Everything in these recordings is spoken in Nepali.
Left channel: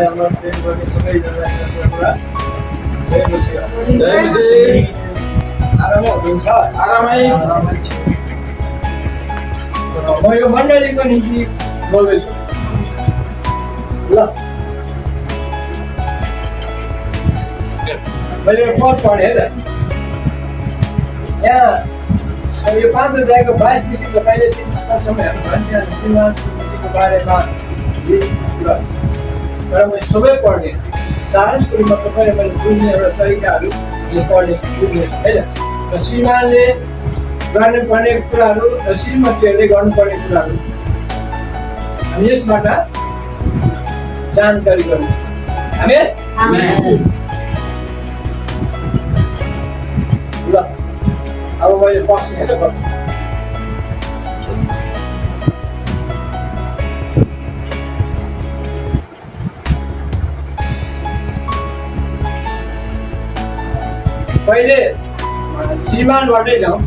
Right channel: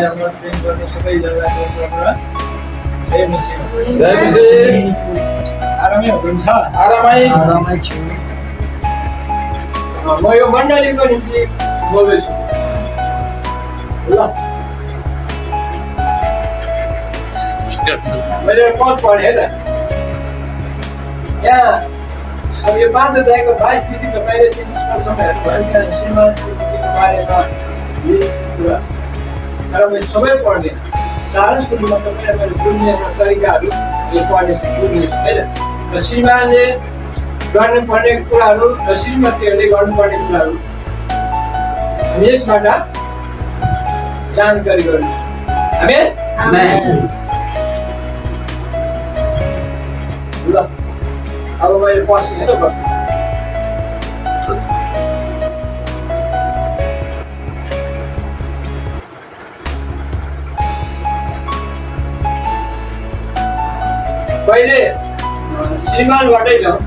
प्रेम गर्ने सबैजनालाई जय मसीह। आरामै हुनुहुन्छ? आरामै छु। म यो मण्डलीको निम्ति बोल्दैछु ल। मैले पद पढेँ त यहाँ यो 5 अध्यायको 22 तपाईँले 30 वर्षमा हेर्नुभयो त्यहाँ श्रीमान श्रीमतीको बारेमा कुरा तर मैले सबै पढ्ने सारांशको रूपमा तपाईँले मैले बुझ्ने एउटा तरिकाहरू यो पढ्ने बुझ्ने होइन र श्रीमानले गर्नुपर्ने कुराहरू र श्रीमतीहरूले गर्नुपर्ने कुराहरू हामी यसबाट जानकारी गर्नु। ल अब मैले पस्ने है त पहिले श्रीमानबाटै जाउँ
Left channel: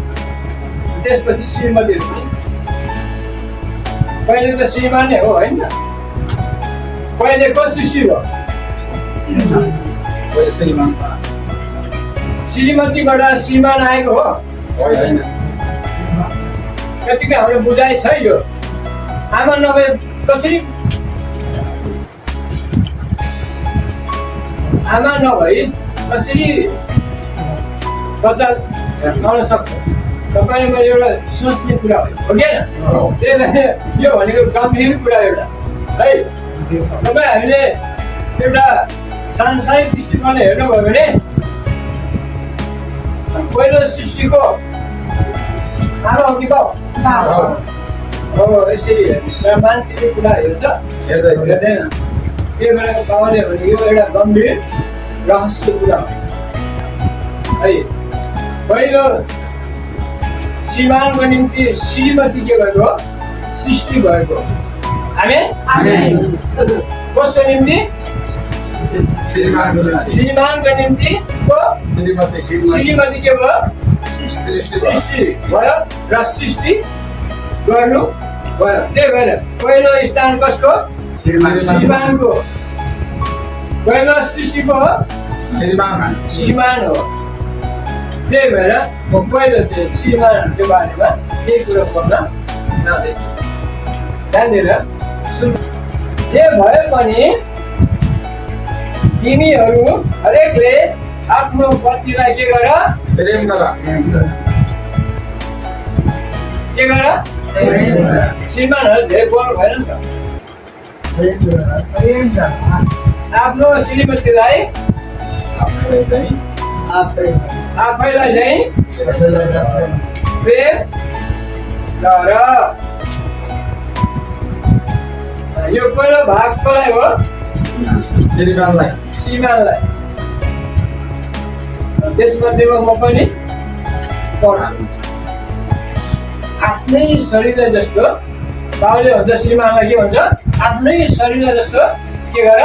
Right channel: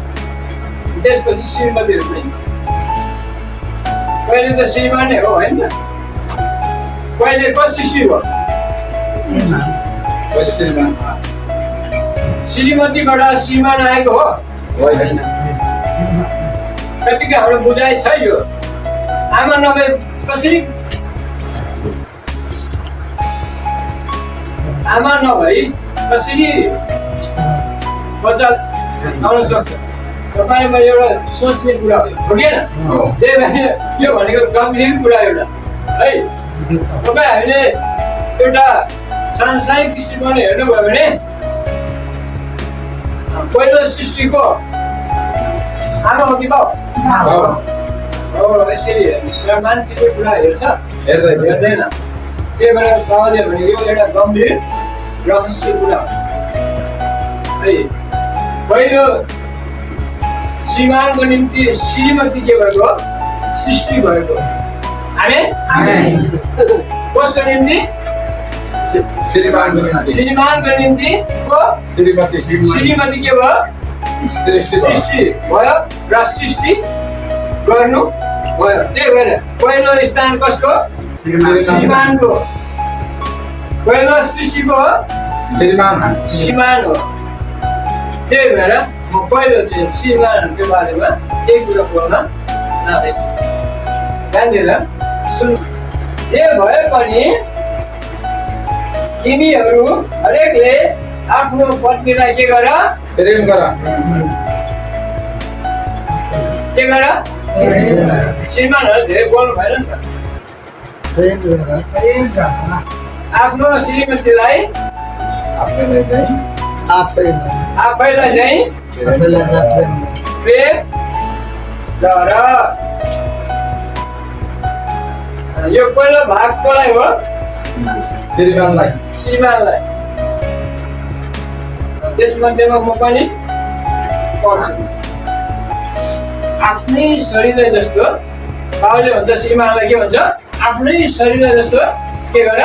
त्यसपछि श्रीमतीहरू पनि। पहिले त श्रीमान नै हो होइन? पहिले को सृष्टि हो? श्रीमतीबाट श्रीमान आएको हो होइन? कतिको हाम्रो बुझाइ छ यो आमा नभए कसरी आमा नभई कसरी बच्चा आउन सक्छ? तपाईँमा एउटा सोच्ने कुरा हो कि होइन? त्यही भएर यो भनेको गम्भीर कुरा एउटा है। तपाईँ हामीले एउटा सांसारिक दृष्टिकोणले हेर्नुभयो भने पहिलो सृष्टिको आमा हो कि बाउ हो? यसरी हेर्ने मान्छेले कुरा हेर्छ हेर्दैन। त्यही भएर बाउले भनेको यो एउटा गम्भीर रहस्य कुरा हो है। पहिलो श्रीमानको निम्ति श्रीमती के भएको? सृष्टि भएको। कसको निम्ति? श्रीमानको निम्ति को श्रीमती के भयो? सृष्टि भयो र सृष्टि गर्नु भयो। त्यही भएर पहिलो स्थान कसको? श्रीमानको। पहिलो सृष्टिको हो श्रीमान हो। त्यही भएर म पहिलो चाहिँ श्रीमानहरूको बारेमा केही कुरा बोल्न जाँदैछु। ध्यान दिएर सुन। जे भए पनि तिमीहरू हरेकले आफ्नो पत्नीलाई के गर? प्रेम गर। के गर? श्रीमानहरू धेरै बोल्नु भएन नि त। आफ्नो श्रीमतीलाई आफैलाई चाहिँ प्रेम गर। यो पहिलो भाग कसलाई हो? श्रीमानलाई। त्यसमध्येमा म पनि पढ्छु। आफ्नै शरीर जस्तो बाबुले भन्छ श्रीमानलाई के भन्छ? आफ्नै शरीर जस्तो के गर?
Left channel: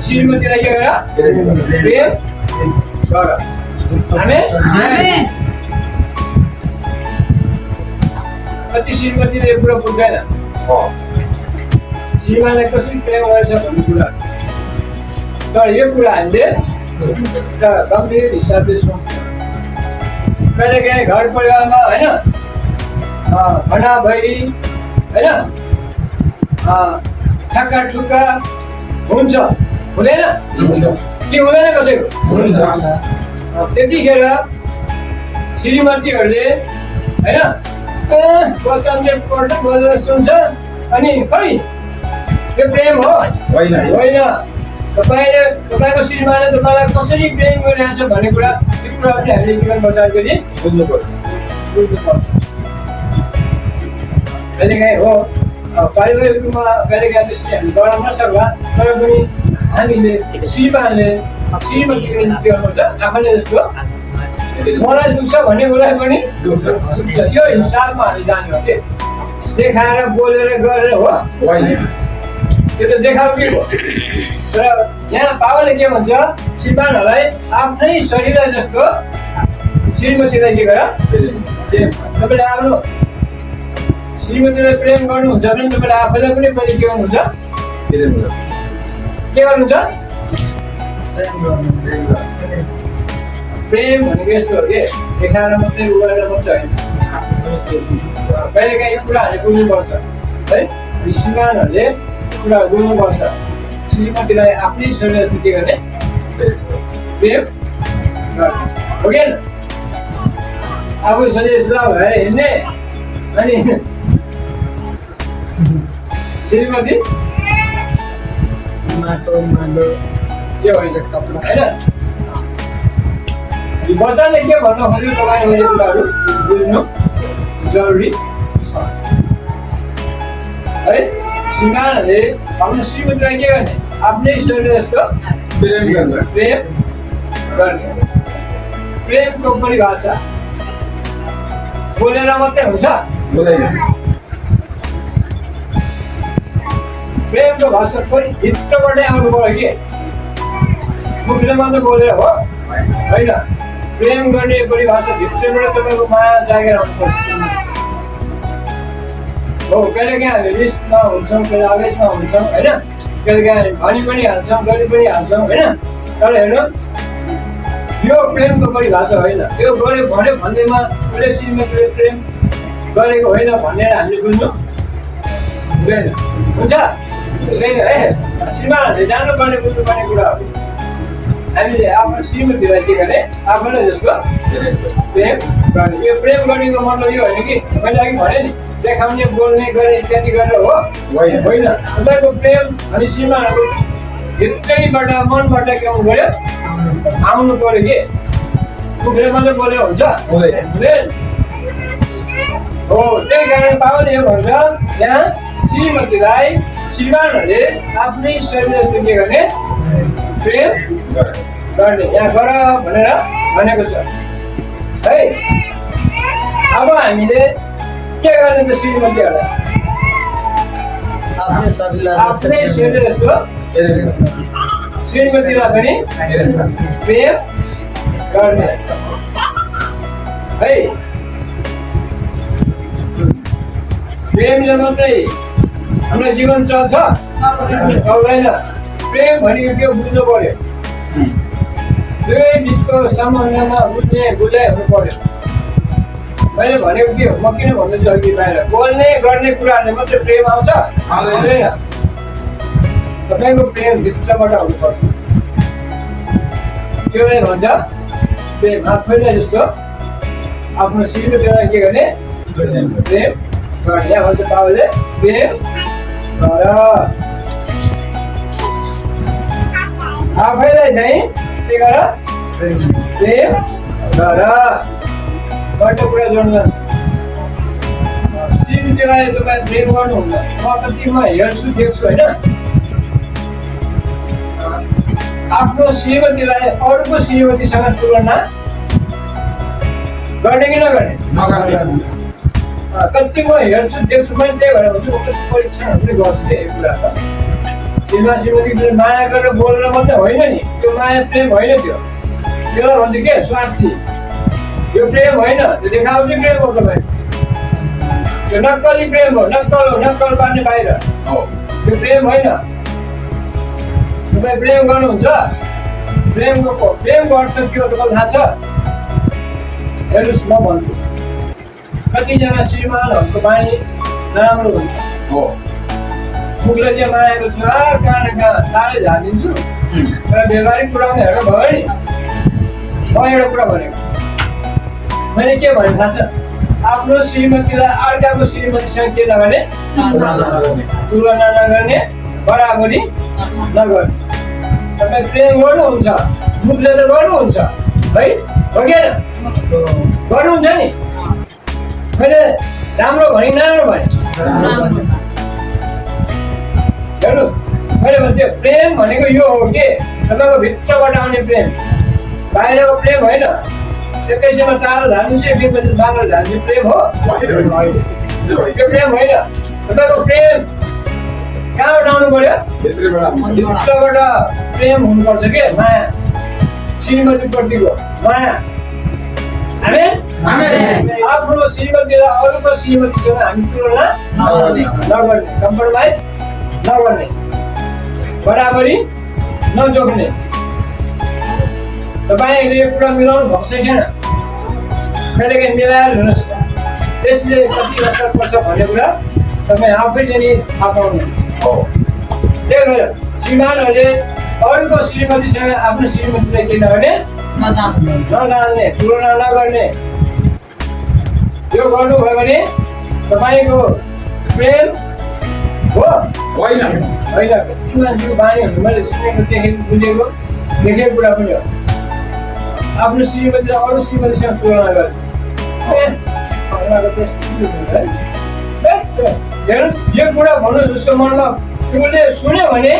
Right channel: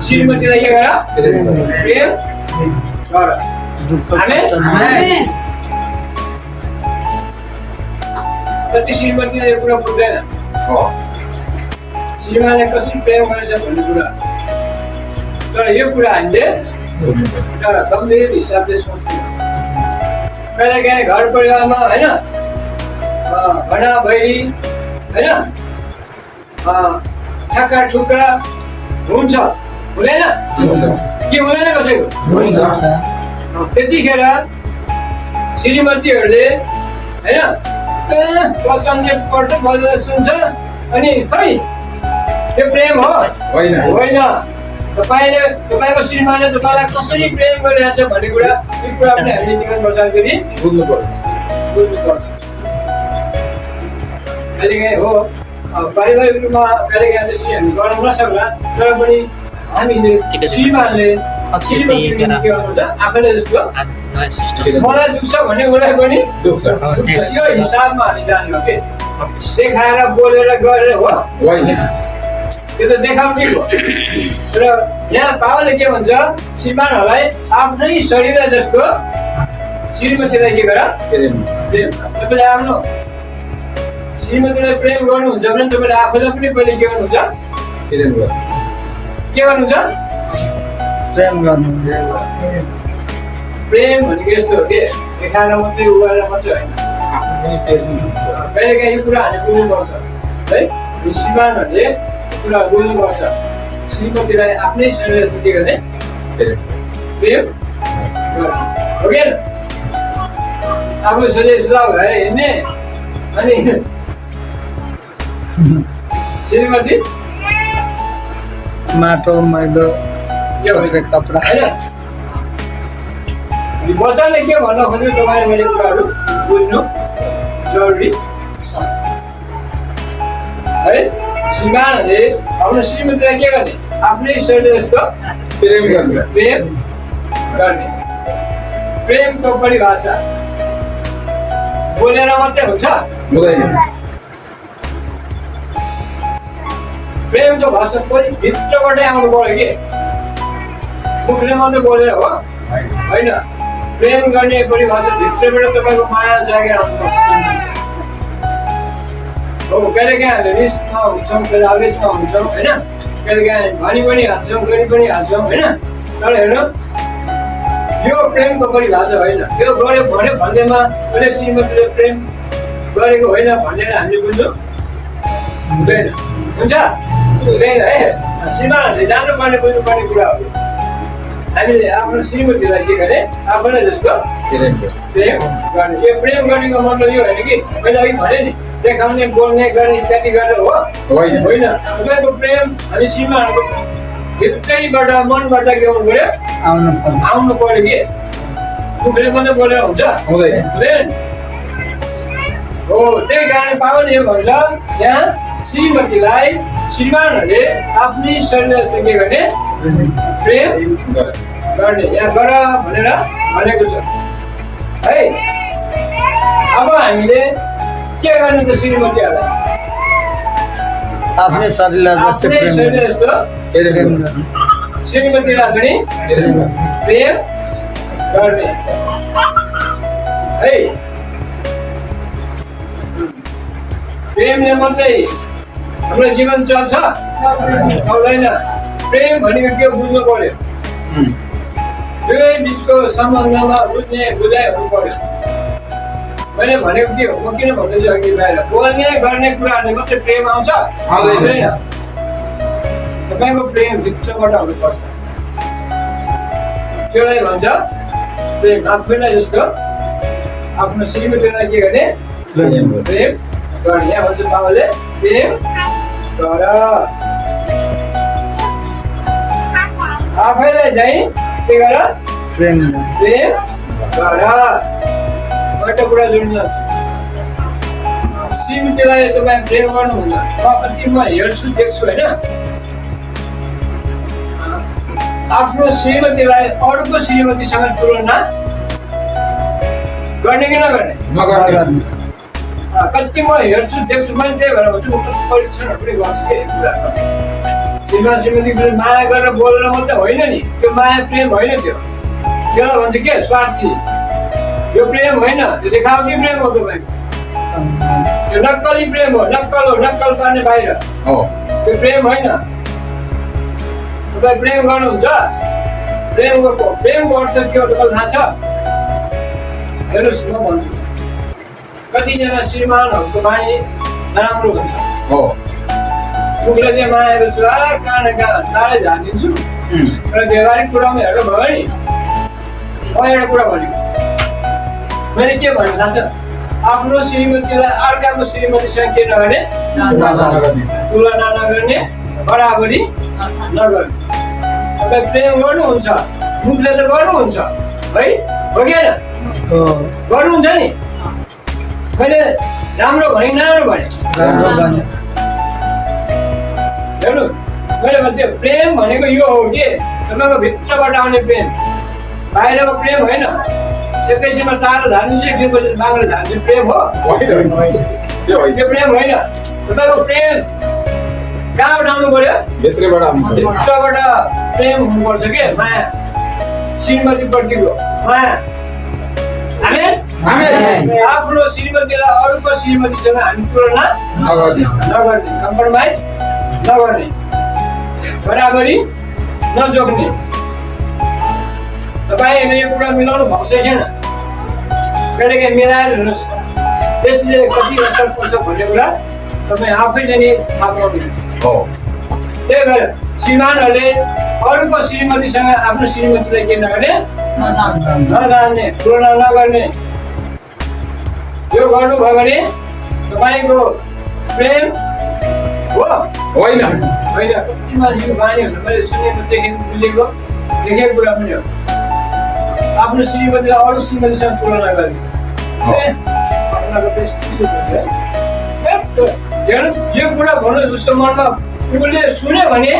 श्रीमतीलाई के गर? प्रेम गर। कति श्रीमतीले यो कुरा बुझ्दैन श्रीमानलाई कसरी प्रेम गरेछ भन्ने कुरा। तर यो कुरा हामीले एउटा गम्भीर हिसाबले सोच्नु। कहिलेकाहीँ घर परिवारमा होइन भना भैली होइन ठक्का ठुक्का हुन्छ हुँदैन? के हुँदैन कसैको? त्यतिखेर श्रीमतीहरूले होइन वचनले पढ्दै बजेर सुन्छ अनि खै यो प्रेम हो? होइन। तपाईँको श्रीमानले तपाईँलाई कसरी प्रेम गरिरहेछ भन्ने कुरा यो कुरा पनि हामीले जीवन बचाउँदाखेरि बुझ्नुपर्छ। कहिलेकाहीँ हो पारिवारिक रूपमा कहिलेकाहीँ त्यसरी हामी गर्न नसक्ला तर पनि हामीले श्रीमानले श्रीमतीको निम्ति के गर्नुपर्छ? आफैले जस्तो मलाई दुख्छ भन्ने कुरा पनि यो हिसाबमा हामी जाने हो कि देखाएर बोलेर गरेर हो? त्यो त देखाउने हो। र यहाँ बाबाले के भन्छ? श्रीमानहरूलाई आफ्नै शरीर जस्तो श्रीमतीलाई के गर? तपाईँले आफ्नो श्रीमतीलाई प्रेम गर्नुहुन्छ भने तपाईँले आफैलाई पनि पहिले के गर्नुहुन्छ? के गर्नु छ प्रेम गर्नु प्रेम भनेको यस्तो हो कि देखाएर मात्रै उ गरेर मात्रै होइन कहिलेकाहीँ यो कुरा हामीले बुझ्नुपर्छ है श्रीमानहरूले कुरा बुझ्नुपर्छ श्रीमतीलाई आफ्नै शरीर के गर्ने प्रेम गर्ने हो कि आफ्नो शरीर सुधार भएर हिँड्ने अनि श्रीमती माटो मैलो यो होइन कपडा होइन वचनले के भन्न खोज्यो तपाईँ मैले कुराहरू बुझ्नु जरुरी छ है श्रीमानहरूले आफ्नो श्रीमतीलाई के गर्ने आफ्नै शरीर जस्तो प्रेम गर्ने प्रेम गर्ने प्रेमको परिभाषा बोलेर मात्रै हुन्छ प्रेमको भाषा पनि भित्रबाटै आउनु पर्यो कि मुखले मात्रै बोलेर हो होइन प्रेम गर्ने परिभाषा भित्रबाट तपाईँको माया जागेर आउनुपर्छ हो कहिलेकाहीँ हामीले रिसमा हुन्छौँ कहिले आवेशमा हुन्छौँ होइन कहिलेकाहीँ भनी पनि हाल्छौँ गरी पनि हाल्छौँ होइन तर हेर्नु यो प्रेमको परिभाषा होइन यो गऱ्यो भन्यो भन्दैमा उसले श्रीमतीले प्रेम गरेको होइन भनेर हामीले बुझ्नु हुँदैन हुन्छ हुँदैन है श्रीमानहरूले जानुपर्ने बुझ्नुपर्ने कुराहरू हामीले आफ्नो श्रीमतीलाई के गर्ने आफूलाई जस्तो प्रेम गर्ने यो प्रेम गर्नेको मतलब यो होइन कि मैले अघि भने नि देखाउने बोल्ने गर्ने इत्यादि गरेर हो होइन तपाईँको प्रेम हामी श्रीमानहरूको भित्रैबाट मनबाट के आउनु पर्यो आउनु पर्यो कि मुखले मात्रै बोलेर हुन्छ हुँदैन हो त्यही कारण पावल यो भन्छ यहाँ श्रीमतीलाई श्रीमानहरूले आफ्नै शरीर जस्तो के गर्ने प्रेम गर्ने यहाँ गर भनेर भनेको छ है अब हामीले के गर्ने त श्रीमतीहरूलाई आफ्नै शरीरलाई आफ्नै शरीर जस्तो श्रीमतीलाई पनि प्रेम गर्ने है प्रेमले मात्रै हाम्रो जीवन चल्छ चल्दैन प्रेम भनेको के बुझ्नु पर्यो दुवै बिचको सम्बन्धमा बुझ्ने बुझाइ हुनु पर्यो मैले भनेको के हो म किन भन्दैछु अघि बाहिर बोल्ने गर्ने कुराहरूले मात्रै प्रेम आउँछ आउँदैन तपाईँको प्रेम भित्रबाट हुनुपर्छ त्यसलाई भन्छ प्रेम आफैलाई जस्तो आफ्नो श्रीमतीलाई के गर्ने प्रेम गर्ने यहाँ भन्छ बाबाले प्रेम गर आफैलाई चाहिँ के गर प्रेम गर एउटा कुरा जोड्नु श्रीमतीलाई तपाईँ प्रेम गर्नुहुन्न म कति म हेर्छु देख्छु होइन आफ्नो श्रीमतीलाई अरूको श्रीमतीसँग तुलना गर्ने कि नगर्ने कति म हेर्छु देख्छु मैले त्यही भएर भन्छु म कति परीक्षणहरू पनि गर्छु कि यो कुराको श्रीमती माया गरेर बोलेर मात्रै होइन नि त्यो माया प्रेम होइन त्यो त्यसलाई भन्छ के स्वार्थी यो प्रेम होइन त्यो देखावटी प्रेम हो तपाईँको त्यो नक्कली प्रेम हो नक्कल गर्ने बाहिर त्यो प्रेम होइन तपाईँ प्रेम गर्नुहुन्छ प्रेमको अर्थ के हो तपाईँलाई थाहा छ हेर्नुहोस् म भन्छु कतिजना श्रीमानहरूको बानी नराम्रो हुन्छ मुखले चाहिँ मायाको छु कहाँ टाढै झारिदिन्छु तर व्यवहारिक कुरामा हेरेर भयो नि म एउटा कुरा भनेको मैले के भने थाहा छ आफ्नो श्रीमतीलाई अर्काको श्रीमतीसँग के नगर्ने तुलना नगर्ने बराबरी नगर्ने तपाईँ प्रेम गर्नुहुन्छ मुखले त गर्नुहुन्छ है हो कि होइन गर्नुहुन्छ नि मैले राम्रो भने नराम्रो भने हेर्नु मैले भन्थेँ प्रेम भनेको यो हो कि तपाईँको भित्रबाट आउने प्रेम बाहिरको प्रेम होइन एकैछिनमा टाढो झार्नु चाहिँ एकदिनपछि बाङ्गो झार्नु प्रेम हो त्यो प्रेम होइन तपाईँको प्रेम कहाँबाट आउनु पर्यो भित्रबाट प्रेम हुनुपर्छ के माया श्रीमतीप्रतिको माया आफ्नो श्रीमतीलाई अरूको श्रीमतीसँग हामी तुलना नगर्ने कम्प्रोमाइज नगर्ने बराबरी नजोग्ने तपाईँहरूले यो कुरा मिलाउनु भएको छैन कहिलेकाहीँ मिलाएर हेर्नुहोस् त्यसले कति असर पर्छ भन्ने कुरा तपाईँ आफैले नै थाहा पाउनुहुन्छ त्यही भएर श्रीमानहरूले अरूको श्रीमतीसँग आफ्नो श्रीमतीलाई के नगर्ने नजान्ने तुलना नगर्ने यो गर्नुभयो भने तपाईँको प्रेम हो होइन कति मान्छेको बानीहरू मैले सुनेको देखेको बुझेको देखेको कुरा पनि हो आफ्नो श्रीमतीलाई अरू श्रीमतीसँग तुलना गर्ने यो कुरा भन्नु उसको मनमा उसले सुन्यो भने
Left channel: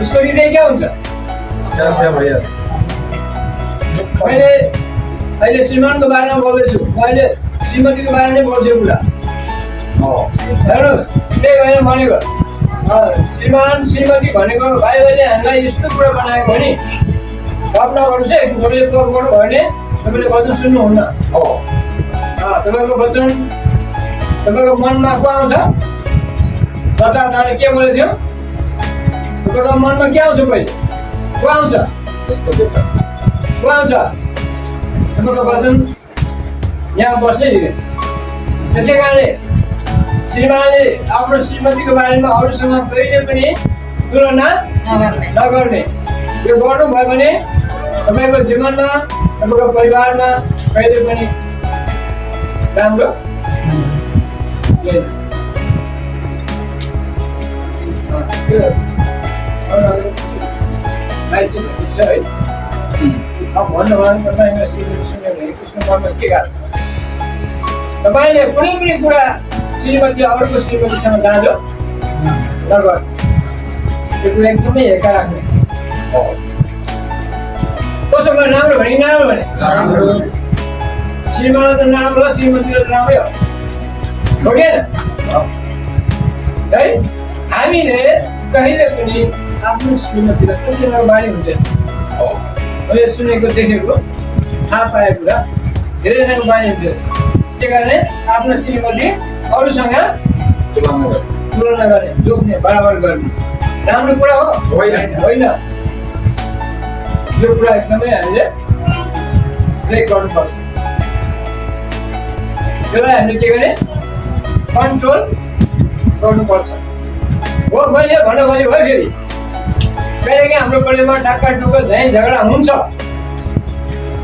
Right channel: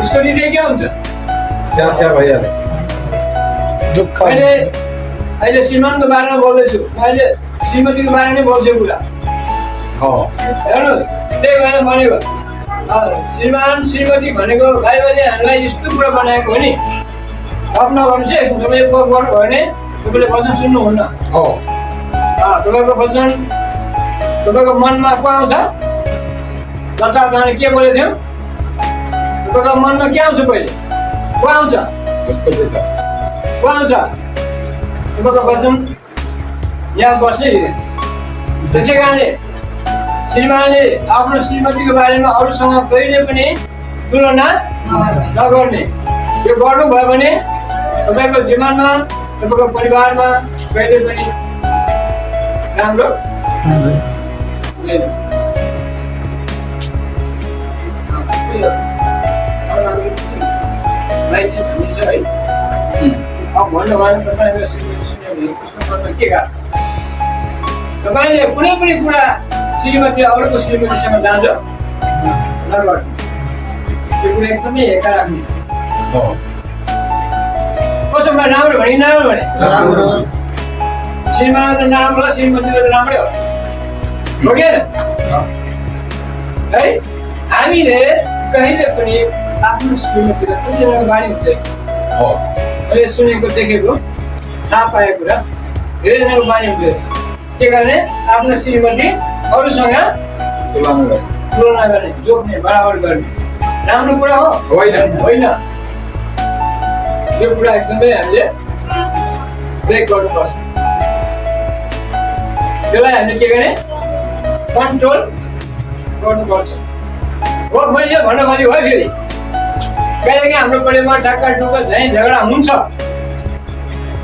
उसको हृदय क्या हुन्छ अहिले श्रीमानको बारेमा बोल्दैछु मैले श्रीमतीको बारेमा बोल्छु कुरा हेर्नुहोस् त्यही भएर भनेको श्रीमान श्रीमती भनेको बाइबलले हामीलाई यस्तो कुरा बनाएको हो नि गफ नगर्नुहोस् है तपाईँले गफ गर्नुभयो भने तपाईँले वचन सुन्नुहुन्न तपाईँको वचन तपाईँको मनमा को आउँछ बच्चा तपाईँले के बोलेको थियो तपाईँको मनमा के आउँछ पहिले को आउँछ तपाईँको वचन यहाँ बस्नै दिने त्यसै कारणले श्रीमानले आफ्नो श्रीमतीको बारेमा अरूसँग कहिले पनि तुलना नगर्ने यो गर्नुभयो भने तपाईँको जीवनमा तपाईँको परिवारमा कहिले पनि राम्रो भन्नुभयो तपाईँको श्रीमती सुन्यो भने उसको मनमा के गाह्रो तपाईँले कुनै पनि कुरा श्रीमती अरूको श्रीमतीसँग जाँचो नगर्नु त्यो कुरा एकदमै हेका राख्ने कसोमा राम्रो भने नराम्रो भने श्रीमान त नराम्रो हो श्रीमतीले त राम्रै हो कि है हामीले कहिले पनि आफ्नो श्रीमतीलाई कतिजनाको बानी हुँदैन मैले सुनेको देखेको थाहा पाएको कुरा धेरैजनाको बानी हुँदैन के गर्ने आफ्नो श्रीमती अरूसँग तुलना गर्ने जोख्ने बराबर गर्ने राम्रो कुरा हो होइन यो कुरा एकदमै हामीले ब्रेक गर्नुपर्छ यसलाई हामीले के गर्ने कन्ट्रोल गर्नुपर्छ हो मैले भन्न खोजेको है फेरि कहिलेकाहीँ हाम्रो परिवारमा टाक्का टुक्का झैँ झगडा हुन्छ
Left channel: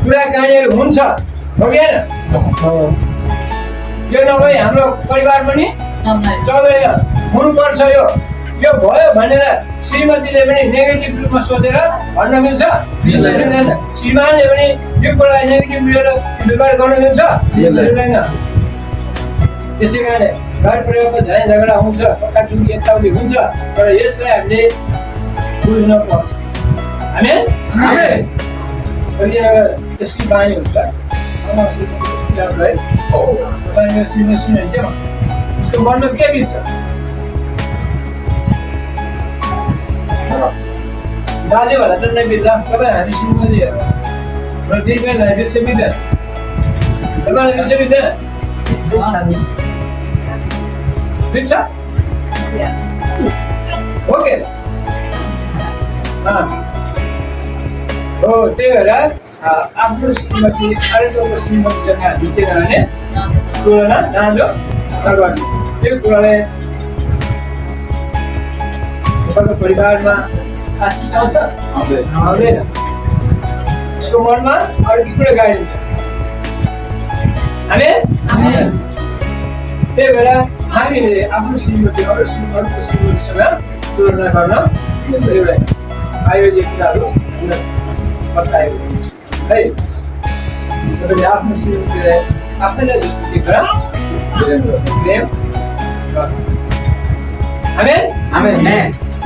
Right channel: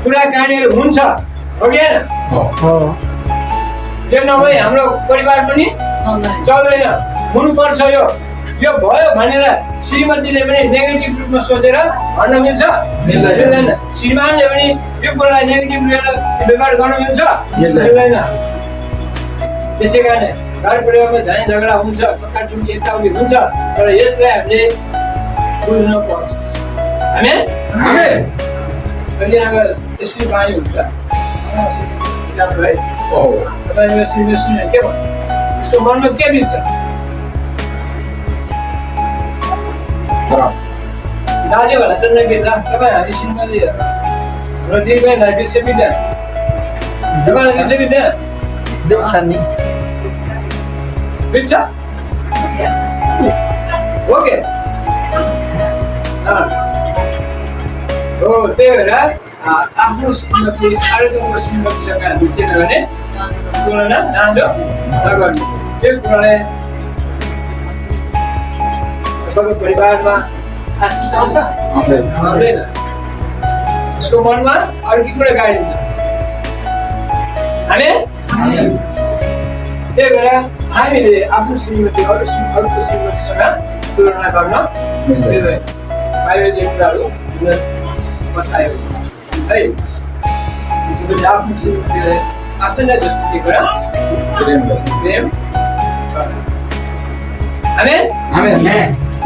कुराकानीहरू हुन्छ हो कि होइन यो नभए हाम्रो परिवार पनि चल्दैन हुनुपर्छ यो भयो भनेर श्रीमतीले पनि नेगेटिभ रूपमा सोचेर भन्न मिल्छ मिल्दैन श्रीमानले पनि यो कुरालाई नेगेटिभ लिएर व्यवहार गर्न मिल्छ मिल्दैन त्यसै कारणले घर परिवारमा झैँ झगडा हुन्छ टक्काटुक्की यताउति हुन्छ तर यसलाई हामीले बुझ्न पर्छ कतिजनाको त्यसरी बानी हुन्छ है तपाईँले श्रीमती सुन्यो भने के भन्नु उसको मनमा के बित्छ दाजु होला त नबित्ला तपाईँ हामी श्रीमती र दिदीबहिनीलाई बिर्से बित्दैन तपाईँलाई बिर्से बित्दैन बित्छ ओके हो त्यही भएर आफ्नो श्रीमती अर्को श्रीमतीसँग हामी के नगर्ने तुलना नाजो नगर्ने त्यो कुराले तपाईँको परिवारमा आशिष आउँछ आउँदैन उसको मनमा अर्कै कुरा गाडिन्छ त्यही भएर हामीले आफ्नो श्रीमती अर्को श्रीमतीसँग तुलना गर्न मिल्दैन बाइबलले कुराहरू बताएको है तपाईँले आफ्नो श्रीमतीलाई आफ्नैलाई जस्तो के गर प्रेम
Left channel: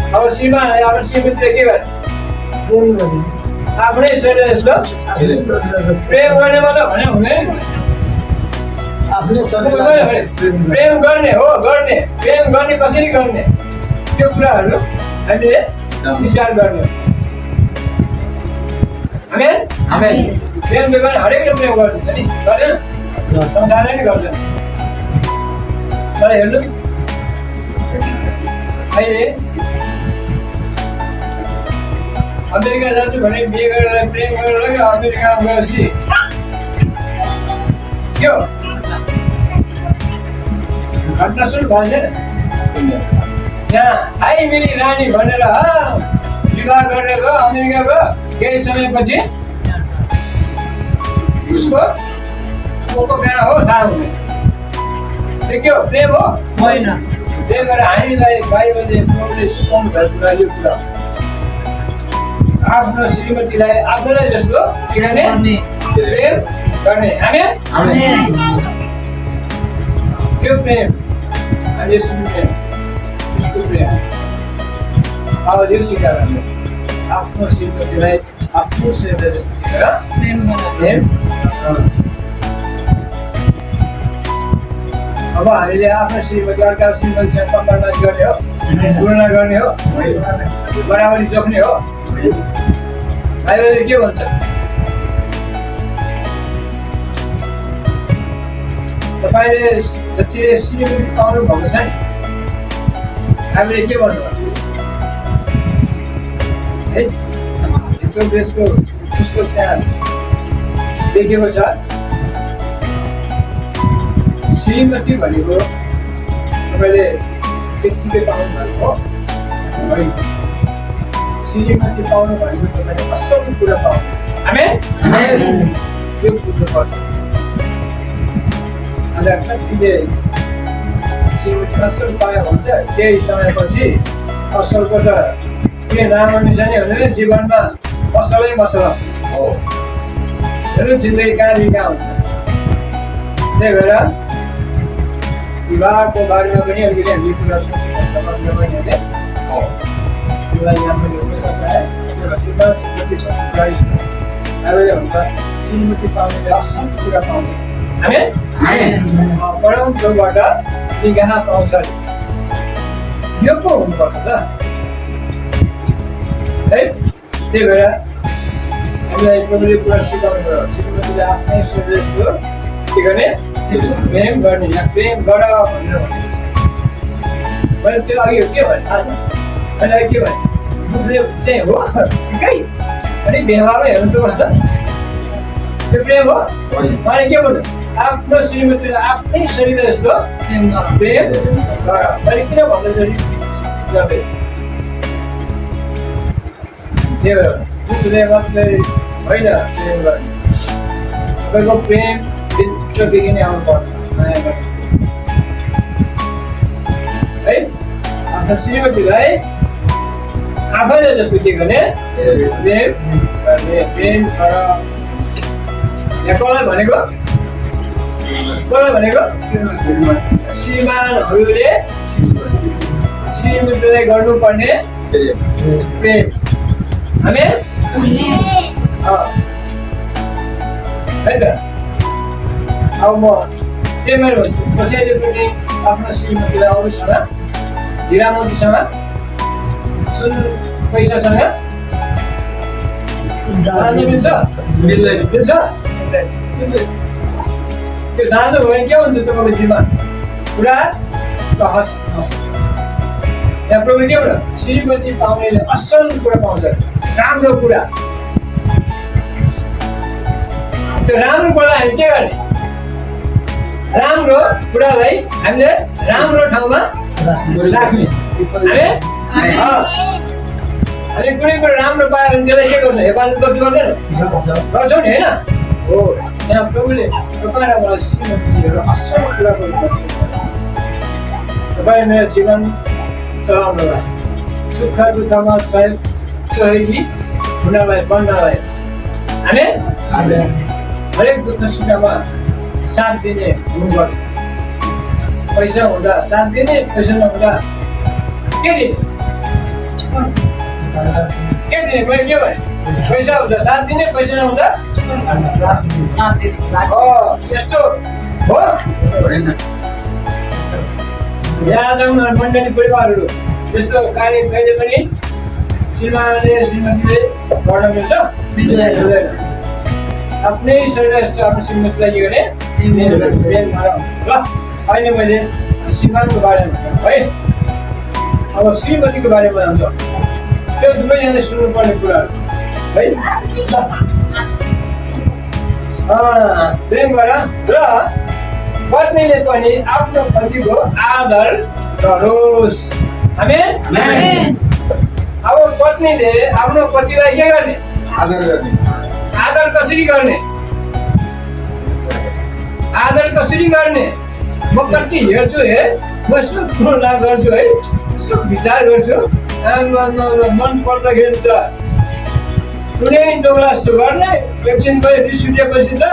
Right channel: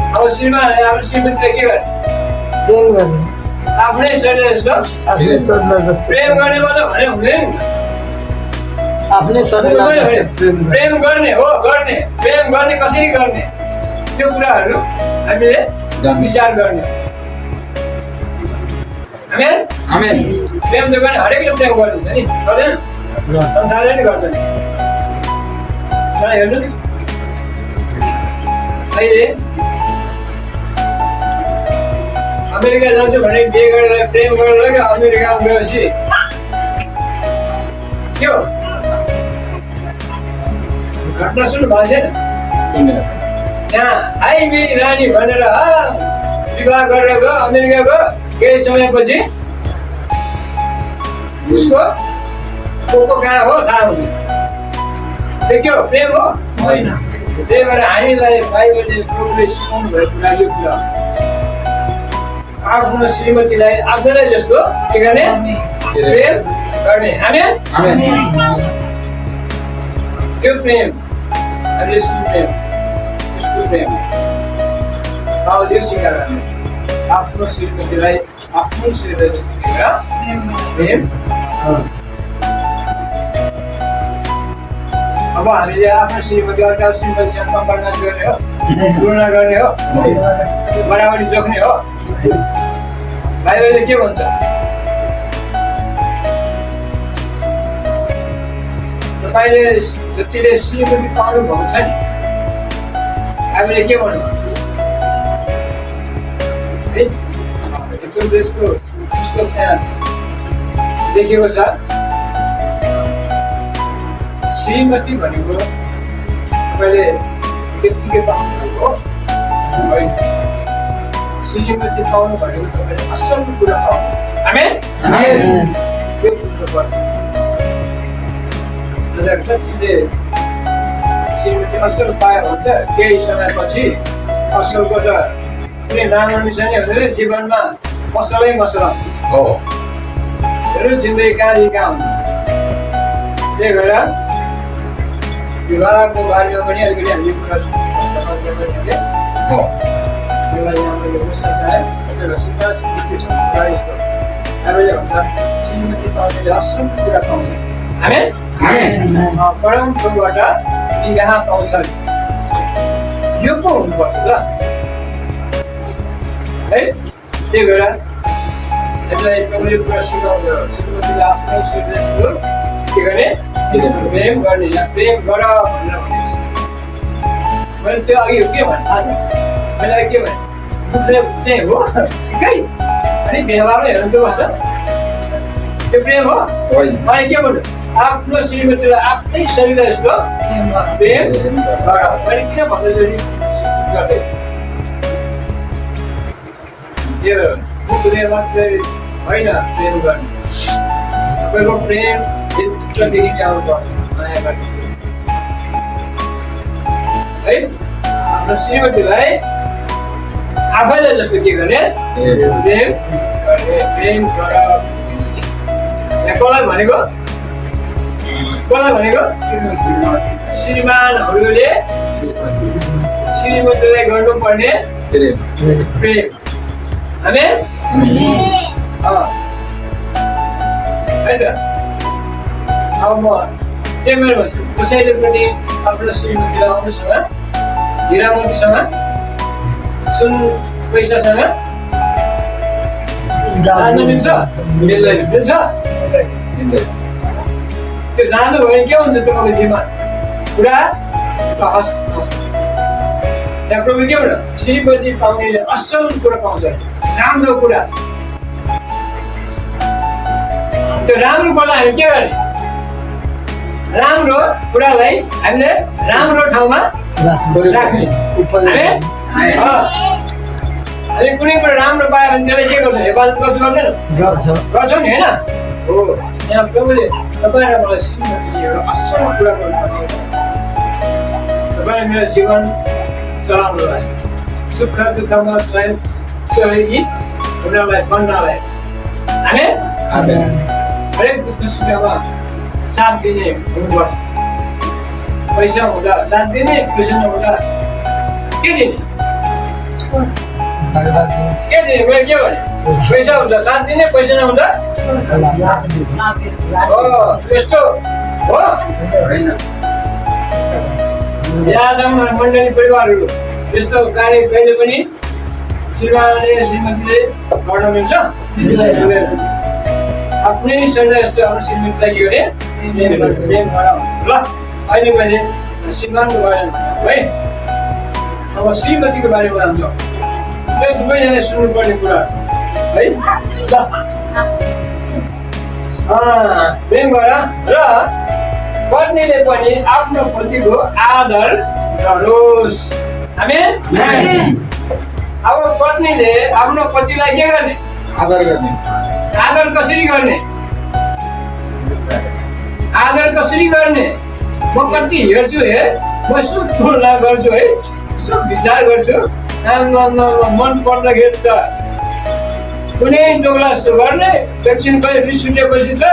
अब श्रीमानले आफ्नो श्रीमतीलाई के गर्ने आफ्नै शरीर जस्तो प्रेम गर्ने मात्र भने हुँदैन प्रेम गर्ने हो गर्ने प्रेम गर्ने कसरी गर्ने त्यो कुराहरू हामीले विचार गर्ने प्रेम गर्ने हरेकले प्रेम गरिदिन्छ नि गर्दैन संसारले नै गर्छ नि हेर्नु अहिले अमेरिका जान्छु भने बिहे गरेर प्रेम गरेर अमेरिकामा गएपछि के हो घटना सुरु भएको छैन यहाँ आई मेरी रानी भनेर विवाह गरेर गयो अमेरिका गयो केही समयपछि उसको को कहाँ हो थाहा हुने त्यो के हो प्रेम हो होइन त्यही भएर हामीलाई बाइबलले प्रभुले सिकाउनु भएको कुरा यो कुरा आफ्नो श्रीमतीलाई आफ्नैलाई जस्तो के गर्ने प्रेम गर्ने हामी त्यो प्रेम अनि प्रेम उसको प्रेम अब यो सिकाएर हामीले आफ्नो श्रीमतीलाई आफ्नो श्रीमती जस्तो प्रेम अब हामीले आफ्नो श्रीमती अर्का श्रीमतीसँग कम्परमा गर्ने हो तुलना गर्ने हो बराबरी जोख्ने हो बाइबलले के भन्छ तपाईँले जतिले श्रीमती पाउनु भएको छ नि हामीले के भन्नु है एकदम देशको पुस्तक त्यहाँ लेखेको छ श्रीमती भनेको तपाईँले त्यत्तिकै पाउनु भएको हो होइन श्रीमती पाउनु भनेको तपाईँले असल कुरा पाउनु हामी यो बुझ्नुपर्छ कतिले श्रीमती असल पायो भन्छ केही समयपछि असलको त कुनै राम्रो निशानी हुँदैन जीवनमा असलै मसला हो जिन्दगी कहाँदेखि कहाँ हुन्छ त्यही भएर विवाहको बारेमा पनि अलिकति हामीले कुरा सुन्नुपर्छ श्रीमती पाउनेले असल कुरा पाउने हामी परमप्रभुबाट यहाँ पाउँछ यो पो हुनुपर्छ त है त्यही भएर हामीलाई प्रभुले कुरा सिकाउनु श्रीमतीले आफ्नै शरीरको के गर्ने प्रेम गर्ने या प्रेम गर भनेर भनेको मैले त्यो अघि के भने थाहा छ मैले अघि के भने प्रेम चाहिँ हो ठिकै अनि व्यवहारमा हेर्नु बस्छ त्यो प्रेम हो मैले के भन्छु आफ्नो श्रीमतीलाई आफ्नै शरीर जस्तो प्रेम गर मैले किन भन्दैछु गर्दै त्यो बुझ्ने मात्रै होइन प्रेम गर्ने तपाईँको प्रेम भित्रदेखि नै आउनुपर्छ नयाँ गर्ने है आफ्नो श्रीमतीलाई आफैलाई जस्तो के गर्ने प्रेम गर्ने प्रेम गर यहाँ कसलाई भनेको श्रीमानहरूले श्रीमतीलाई गर्नुपर्ने प्रेम हामी है त अब म त्यही मेरो भन्छु कसैले पनि आफ्नो श्रीमतीलाई अरूसँग हिरामतीसँग सुन पैसासँग जानु मिल्छ त्यो जानु भयो भने के हुन्छ तपाईँको जीवन पुरा हस् यहाँ प्रभु के भन्छ श्रीमती पाउनेले असल कुरा पाउँछ राम्रो कुरा त्यो राम्रो कुरालाई हामी के गर्ने राम्रो कुरालाई हामीले राम्रो ठाउँमा राख्ने हामी कुनै कुरा राम्रो पायो भने त्यसलाई के गर्छ हेफाजत गर्छु गर्दैन गर्छौँ नि होइन हो यहाँ प्रभुले तपाईँ र मलाई श्रीमतीहरू असल कुरा गर्नुपर्ने तपाईँ मेरो जीवन चलाउनलाई सुख दुःखमा सहयोगी हुनलाई बन्नलाई हामी हरेक दुःख सुखमा साथ दिने हुनुपर्छ पैसा हुँदा साथ दिने पैसा नहुँदा के दिने मैले के भने पैसा हुँदा साथ दिने पैसा नहुँदा यस्तो हो यहाँ मण्डली परिवारहरू यस्तो कार्य कहिले पनि श्रीमानले श्रीमतीले गर्न मिल्छ आफ्नै शरीर जस्तो आफ्नो श्रीमतीलाई के गर्ने ल अहिले मैले श्रीमानको बारेमा है अब श्रीमतीको बारेमा जान्छ त्यो दुवैजनाले सुन्नुपर्ने कुराहरू है प्रेम गर र पत्नीले पनि आफ्नो पतिको आदर गरोस्। आमेन। अब पत्नीले आफ्नो पतिलाई के गर्ने? आदर गर्ने। आदर कसरी गर्ने? आदर कसरी गर्ने? म कति हेर्छु हे, म यसो तुलना गर्छु है, यसो विचार गर्छु, मन पर्दाखेरि त कुनै दोगला जस्तो गर्ने, एकछिन पनि रिस उठेपछि त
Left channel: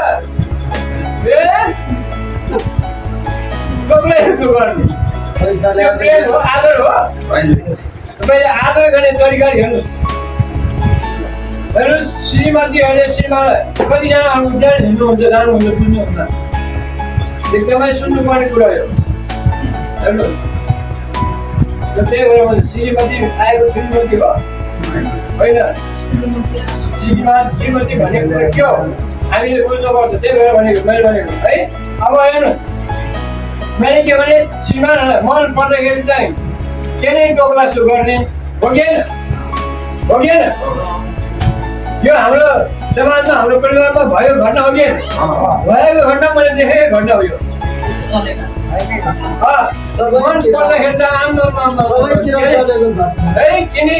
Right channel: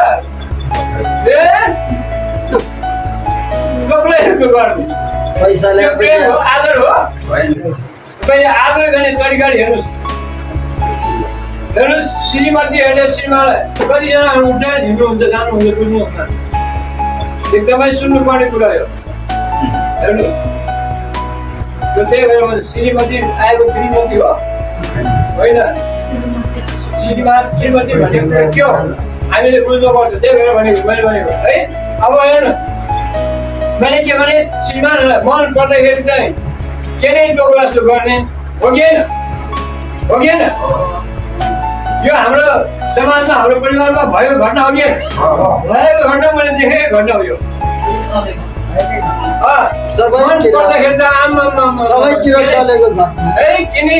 दोगला जस्तो गर्ने। पैसाले त्यो प्रेम हो, आदर हो। तपाईँले आदर गर्ने तरिका हेर्नुहोस्। हेर्नुहोस्, श्रीमतीहरूले श्रीमानलाई कतिजना हुनुहुन्छ, हिँड्नुहुन्छ, जानुहुन्छ, बुझ्नुहुन्छ, एकदमै सुन्नुपर्ने कुरा हो। हेर्नुहोस्, त्यही भएर श्रीमती आएको श्रीमती हो होइन, श्रीमती भनेको के हो हामीले बुझ्नुपर्छ। त्यही भएर भनेको मैले भनेको है। अब हेर्नु, मैले के भने श्रीमानहरूलाई मन पर्दाखेरि चाहिँ के नै टोक्ला जस्तो गर्ने हो कि होइन? हो कि होइन? यो हाम्रो समाजमा, हाम्रो परिवारमा भएको घटना हो कि भएको घटना मैले देखेको घटना हो यो। मन पर्दाखेरि त सबैतिर चलेको छ है, किनी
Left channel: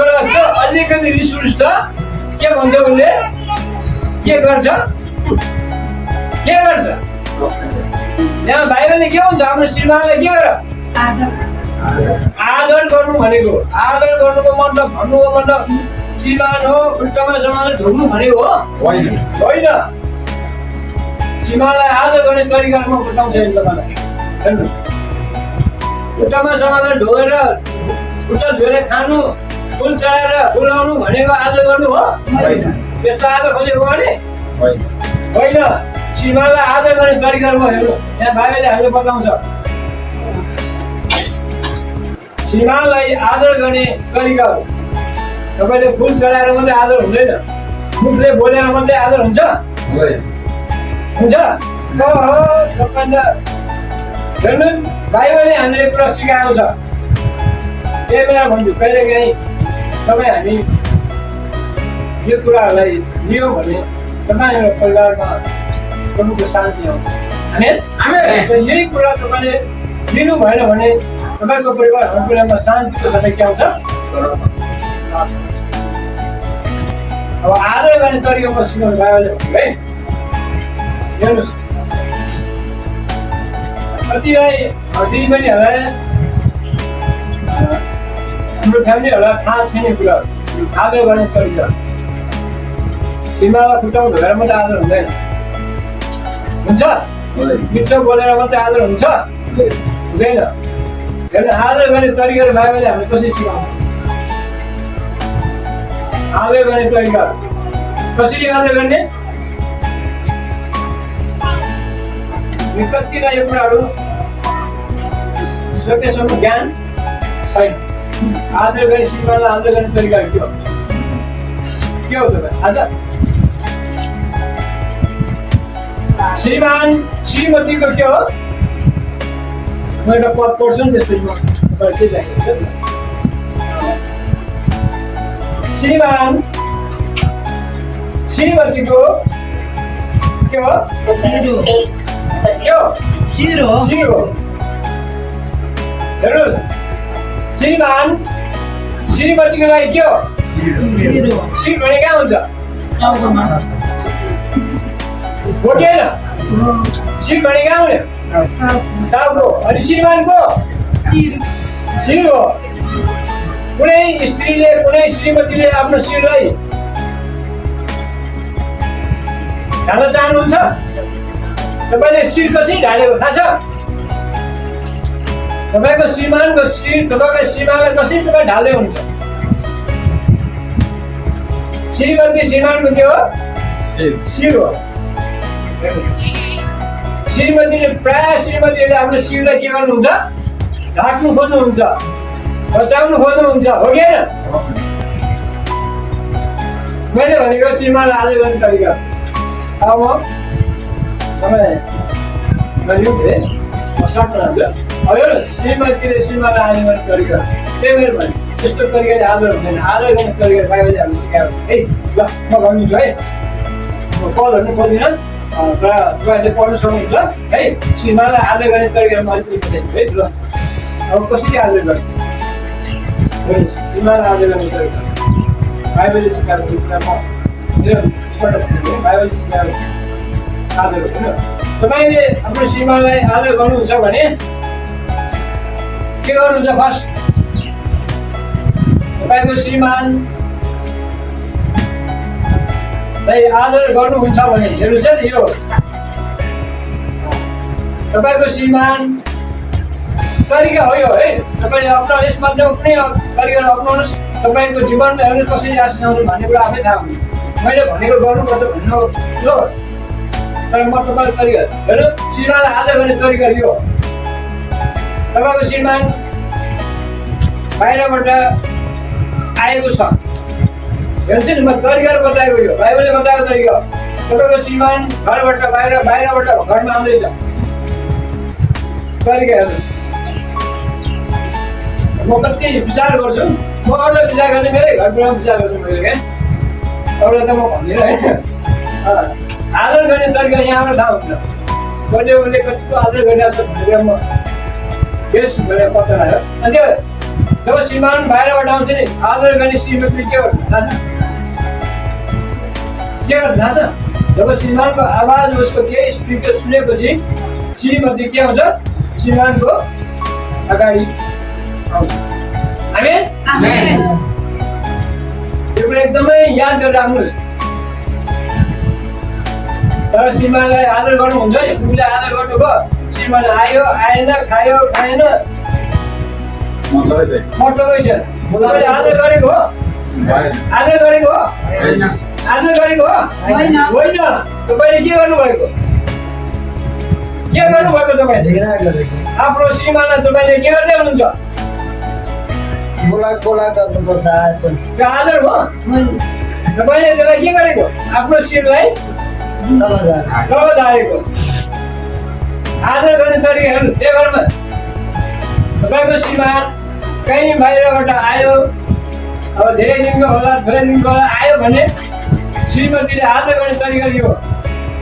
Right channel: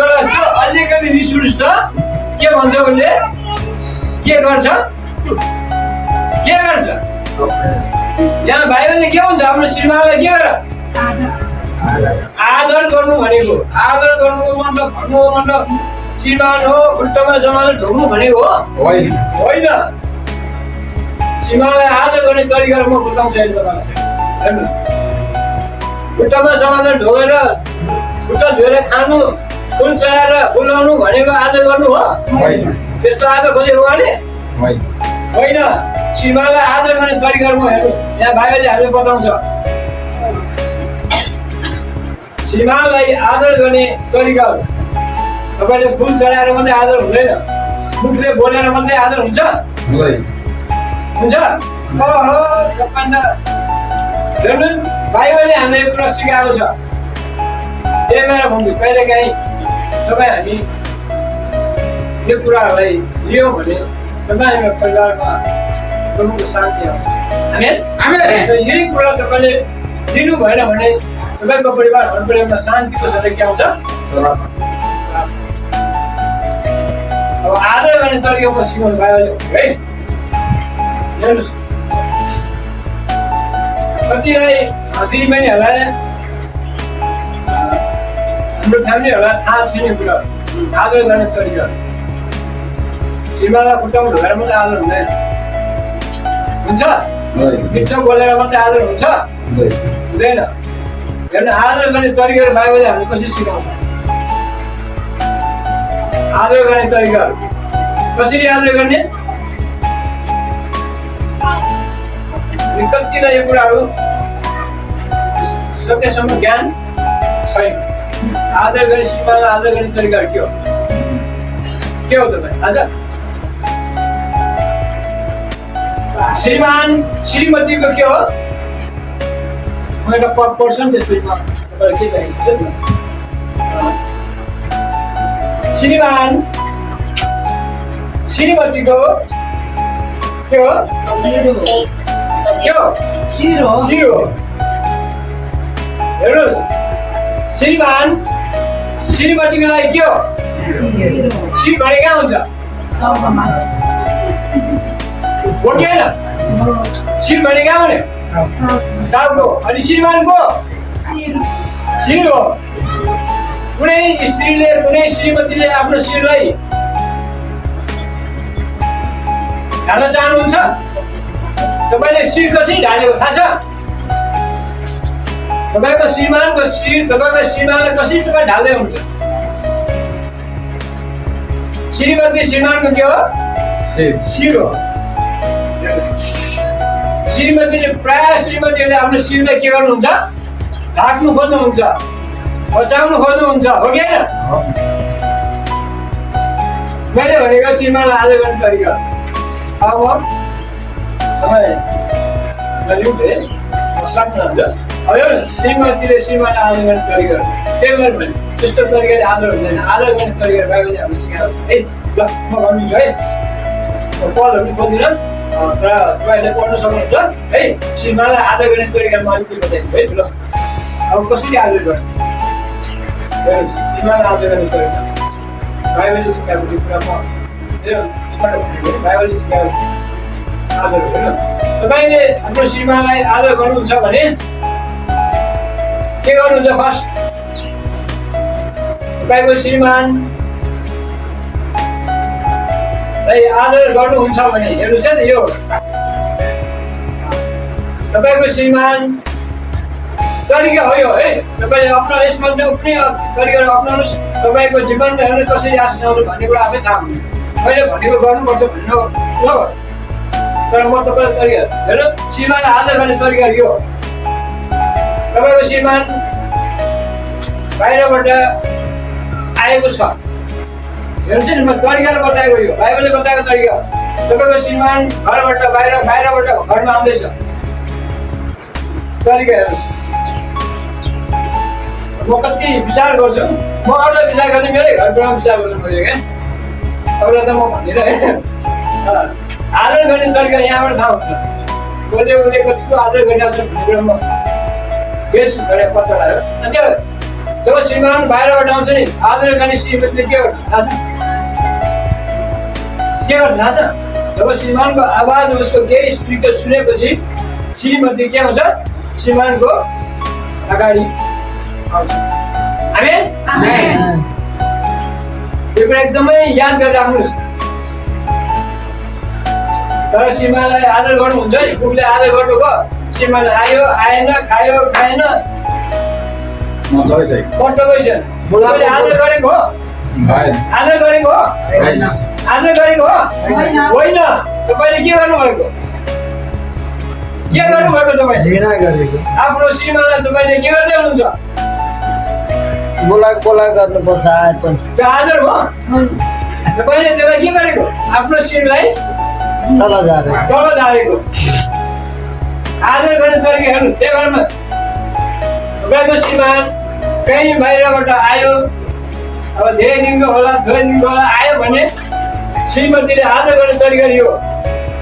अलिकति रिस उठ्छ त के भन्छ उसले? के गर्छ? के गर्छ? यहाँ बाहिरले के हुन्छ? आफ्नो श्रीमानलाई के गर? आदर गर्नु भनेको, आदर गर्नुको मतलब, भन्नुको मतलब श्रीमान हो खुट्टामा जमाएर ढोग्नु भनेको हो होइन। श्रीमानलाई आदर गर्ने तरिका म बताउँछु अहिले तपाईँलाई। हेर्नु, खुट्टामा जमाएर ढोगेर खुट्टा धोएर खानु, फुल चढाएर बोलाउनु भनेको आदर गर्नु हो? त्यस्तो आदर खोजेको भने होइन। श्रीमानलाई आदर गर्ने तरिका म हेर्नु, यहाँ भाइले हामीले बताउँछ। श्रीमानलाई आदर गर्ने तरिकाहरू, तपाईँले फुल चढाएर मात्रै आदर हुँदैन, मुखले बोलेर मात्रै आदर हुन्छ? हुन्छ? तपाईँ त हेर्नु, बाइबलले हामीलाई यो कुरा सिकाएको छ। त्यही भएर भन्छु, कहिलेकाहीँ तपाईँ हामी यो कुराहरूलाई लियौँ भने तपाईँको परिवारमा प्रभुको शान्ति आउँछ। आमेन। यही कुरा तपाईँले लिनु भएन भने तपाईँको परिवार, हाम्रो परिवारमा शान्तिको साथै के आउँछ? अब आदर गर्ने तरिका म सिकाउनु बाइबलले है। हेर्नुहोस्, कतिलाई दिदीबहिनीहरूलाई, हाम्रो फ्यामिलीहरूलाई थाहा छैन कुरा आदर गर्ने तरिका। श्रीमानलाई खुट्टामा ढोकेर मात्रै आदर हुँदैन, हुन्छ? मिठो बोलेर मात्रै आदर हुन्छ? हुँदैन। हेर्नु, आदर गर्ने तरिकाहरू बाइबलले हामीले कसरी सिकाउँछ? आदर गर्ने तरिकाहरू कसरी आदर गर्ने? कतिलाई यो कुराहरू सकेसम्म ज्ञान छैन। आदर गर्ने श्रीमानलाई आदर गर्ने तरिकाहरू के हो तपाईँ? आज श्रीमान श्रीमतीको के हो? म एउटा पद पढ्छु नि, त्यसमा तपाईँलाई के चाहिन्छ? श्रीमान श्रीमतीको के हो? शिर हो। हेर्नुहोस्, श्रीमान श्रीमतीको लागि के हो? शिर भने कहाँ हुन्छ? हो कि होइन? शिर भने कहाँ हुने? टाउको। अनि श्रीमानको शिर हो। कुनै स्त्रीले, कुनै श्रीमतीले आफ्नो शिरलाई ढाल्न चाहनुहुन्छ? तपाईँले शिर कसरी ढालेको थाहा छ? तपाईँको श्रीमानको शिर, तपाईँको श्रीमानलाई कसरी तपाईँ ढाल्दै हुन्छ? श्रीमती श्रीमानको के हो? शिर हो। श्रीमतीले, प्राय श्रीमतीहरूले आफ्नो शिरलाई के गर्नुहुन्छ? ढाक्नु खोज्नुहुन्छ, बचाउनु खोज्नुहुन्छ, हो कि होइन? मैले भनेको श्रीमानलाई आदर गर्ने तरिका। अब म समय म सक्नुहुन्छ। अब श्रीमतीले श्रीमानलाई आदर गर्ने तरिका त्यही भएर भने त्यस्तो तरिकाले आदर हुँदैन। आदर गर्ने तरिका बाइबलले हामीले सिकाएको छ। ल म भनिदिन्छु है, म पढ्नु खोज्दिनँ, तपाईँहरूले पढ्नु सक्नुहुन्छ है। श्रीमानलाई आदर गर्ने तरिका म अलिकति बताइदिन्छु है। ल अब कसरी आदर गर्ने, श्रीमानलाई आदर गर्ने तरिका बाइबलले सिकाएको कुरा म बाइबलले सिकाएको आदर हो होइन। तपाईँले आफ्नो श्रीमानलाई आदर गर्नुहुन्छ भने के गर्नुहुन्छ? फर्स्ट तपाईँको श्रीमानलाई आदर गर्नुहुन्छ भने हेर्नुहोस् है, यो तपाईँको श्रीमान तरिका हो यो है। तपाईँले आफ्नो यसमा कुनै तरिकाहरू अप्नाउनुहोस्, तपाईँको जीवनमा हेर्नु कसरी आशिष आउँछ भन्ने कुरा आफै थाहा हुन्छ। मैले भनेको गर्नुपर्छ भन्नु हो, तर म तपाईँको तरिका हेर्नु, श्रीमानलाई आदर गर्ने तरिका यो। तपाईँको श्रीमान बाहिरबाट आएको छ, हेर्नुहोस् नि, म तरिकाले बताएको यो बाइबलले बताएको तरिका। तपाईँको श्रीमान घरबाट बाहिरबाट घरमा आउँदैछ, तरिका हेर्नुहोस्। म कति विचार गर्छु, म अरूलाई विचार गर्ने, मेरै घरबाट विचार गर्छु मैले क्या, अरूलाई त म भन्दिनँ है। आदर गर्ने तरिका यहाँबाट थाहा हुन्छ। उसले कतिको आदर गरिरहेको छ भन्ने कुरा म बेस गरेर पत्ता लगायो। अनि त्यो जब श्रीमान बाहिरबाट आउँछ नि, आदर गर्ने श्रीमतीले के गर्छ थाहा छ? के गर्छ थाहा छ? जब श्रीमानको आवाज उसको केही स्पिकर सुनेपछि श्रीमती के आउँछ? श्रीमानको अगाडि आउँछ। आमेन? यो कुरा एकदमै याद गरेर राख्नुहोस्। तर श्रीमानलाई आदर गर्नुहुन्छ नि, उसले आदर गर्नुभयो, श्रीमान आयो आएन, खायो खाएन, मतलब छैन। आदर गरेको हो? आदर गरेको हो? आदर गरेको हो? होइन। तपाईँले के गर्नुभएको? के गर्नुभएको? तपाईँले आफ्नो श्रीमानलाई तपाईँले के गर्दै हुनुहुन्छ? बोला गर्नुपर्छ आएपछि। त्यो आदर हो? तपाईँले त्यसलाई के गरेको? आफ्नो श्रीलाई तल झारेको। आदर गर्ने तरिका हेर्नु। त्यही घरमा तपाईँको श्रीमान कहीँ बाहिरबाट आयो, अब धेरै दिनको होला थोरै दिनको होला, आयो भने श्रीमतीले आदर गर्ने तरिका यो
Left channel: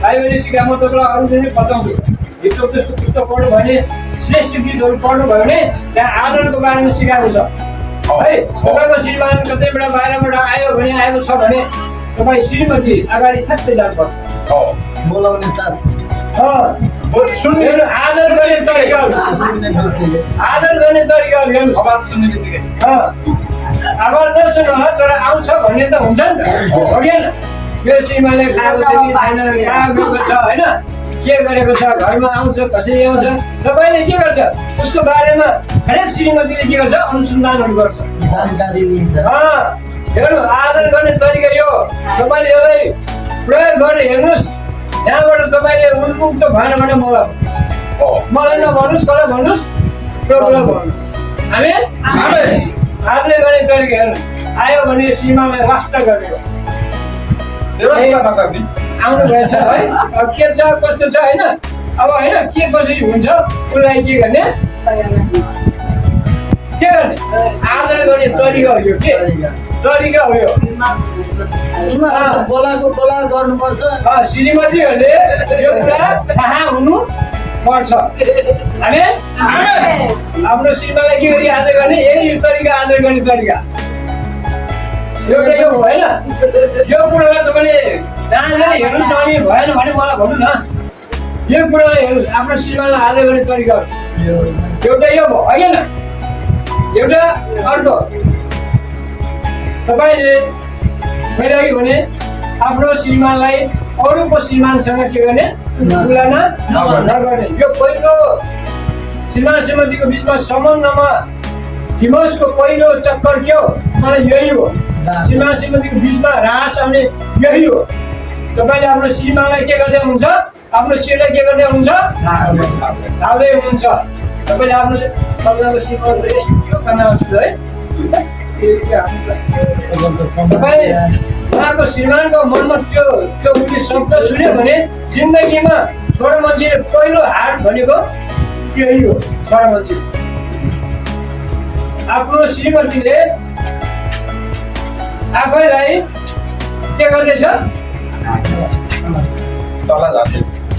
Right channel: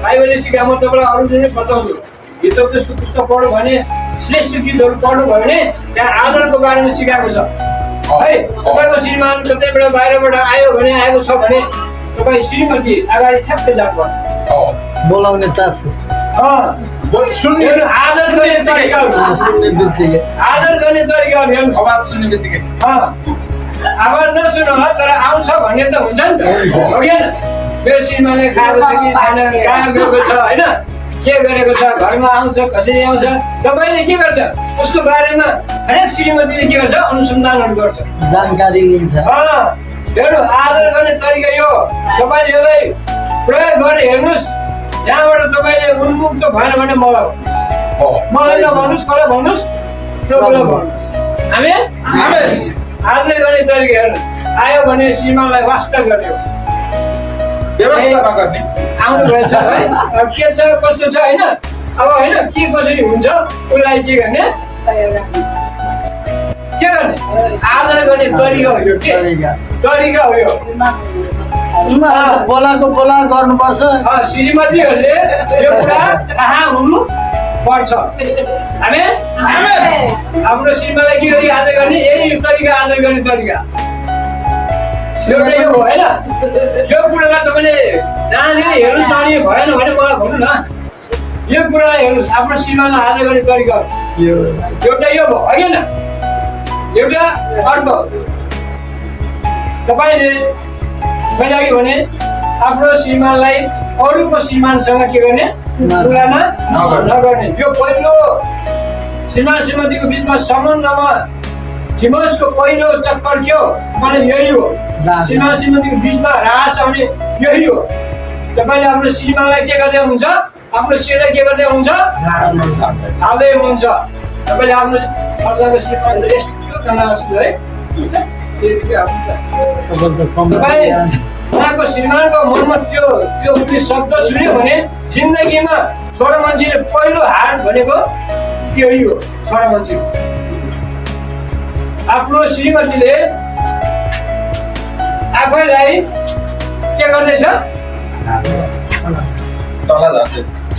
बाइबलले सिकाए। म तपाईँलाई अरू चाहिँ बताउँछु। गीतको त्यसको पुस्तक पढ्नु भने, श्रेष्ठ गीतहरू पढ्नुभयो भने त्यहाँ आदरको बारेमा सिकाएको छ है। तपाईँको श्रीमान कतैबाट बाहिरबाट आयो भने, आएको छ भने तपाईँ श्रीमती अगाडि ठ्याक्कै जानुपर्छ। बोलाउने चासो, आदर गर्ने तरिकाहरू, आदर गर्ने तरिकाहरू हेर्नु। आवाज सुन्ने बित्तिकै आवाज नसुन्नु होला, तर आउँछ भन्ने त हुन्छ नि त, हो कि होइन? यो श्रीमानले खाएको छ कि छैन, कहाँ गएको छ होइन, के गरेको छ, घरमा आउँछ कसरी आउँछ, तपाईँले के गर्छ? उसको बारेमा हरेक श्रीमतीले के गर्छ? अनुसन्धानहरू गर्छ, जानकारी लिन्छ। हेर्नु, आदर गर्ने तरिका यो। तपाईँले यसलाई प्रयोग गरेर हेर्नुहोस्। यहाँबाट तपाईँले उन्मुक्त भएन भने मलाई नभन्नुहोस्, कसलाई भन्नुहोस्? प्रभुलाई भन्नुहोस्। आमेन? आदर गर्ने तरिका हेर्नु। आयो भने श्रीमानलाई वास्ता गर्ने हो, व्यवस्था नगर्ने। आउनु भएछ है, अब के छ कसो छ होइन, अब होइन के कसरी हुन्छ उसलाई के गर्ने? के गर्ने? आदर गर्ने तरिका हो यो। के तरिका हो यो? बोला गर्नुपर्छ। श्रीमतीहरूले यो कुरा थाहा हुनु पर्छ। आमेन? आफ्नो श्रीमानलाई के गरी आदर गर्ने? यही तरिका, आदर गर्ने तरिका एउटा यो हो होइन। यो कुरालाई तपाईँले जहाँनिर हेर्नुहोस्, अनि भएन भने मलाई भन्नु न। यो कुरालाई हेर्नुहोस्, आफ्नो श्रीमानलाई आदर गर्ने तरिका एउटा यो भयो होइन। एउटा अर्को तपाईँले मैले अघि भने आफ्नो श्रीमानलाई अरूको श्रीमानसँग के गर्ने? तुलना नगर्ने। यो पहिलो श्रीमान श्रीमतीको बिचमा सम्बन्धमा डिभोर्सको पहिलो चक्कर के हो? मलाई यही हो। श्रीमान श्रीमतीको बिचमा ह्रास आउने यही हो। तपाईँले आफ्नो श्रीमानलाई के गर्दै हुनुहुन्छ? आफ्नो श्रीलाई के गर्दै हुनुहुन्छ? हाल्दै हुनुहुन्छ। तपाईँले आफ्नो श्रीमानलाई यस्तो तनावस्त है, तपाईँ उहाँको श्रीमानको मनमा त्यो शब्द सुन्यो भने जिन्दगीमा छोरा मान्छेले पहिलो हाट भनेको त्यही हो। छोरा मान्छे आफ्नो श्रीमतीले आफैलाई के गर्दैछ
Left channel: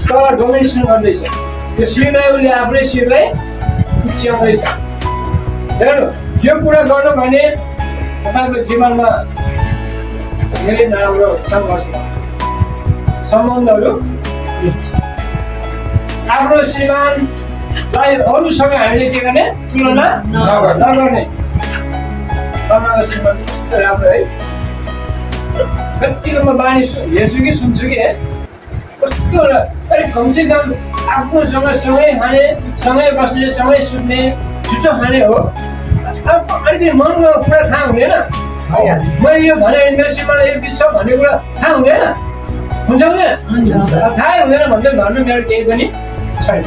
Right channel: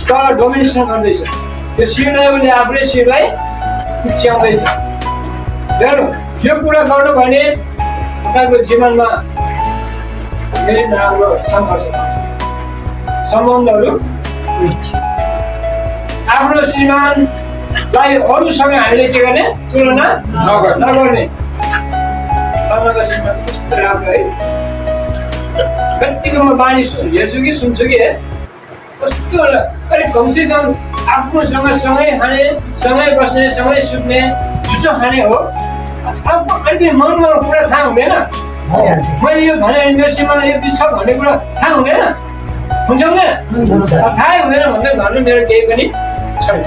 तल डोमिनेसन गर्दैछ त्यो शिरलाई उसले आफूले शिरलाई पुच्याउँदैछ हेर्नु यो कुरा गर्नु भने तपाईँको जीवनमा धेरै नराम्रो सङ्घर्ष सम्बन्धहरू आफ्नो श्रीमानलाई अरूसँग हामीले के गर्ने तुलना नगर्ने तपाईँको श्रीमान कस्तो राम्रो है कतिको म बानी हेर्छु कि सुन्छु कि कस्तो अलिक कमसे कम आफूसँग सँगै खाने सँगै बस्ने सँगै सुत्ने जुठो खाने हो अब अलिकति मनमा कुरा थाहा हुँदैन मैले यो भने मेरो श्रीमानलाई यति छ भन्ने कुरा थाहा हुँदैन हुन्छ हुँदैन थाहै हुँदैन भन्दै भन्नु मेरो केही पनि छैन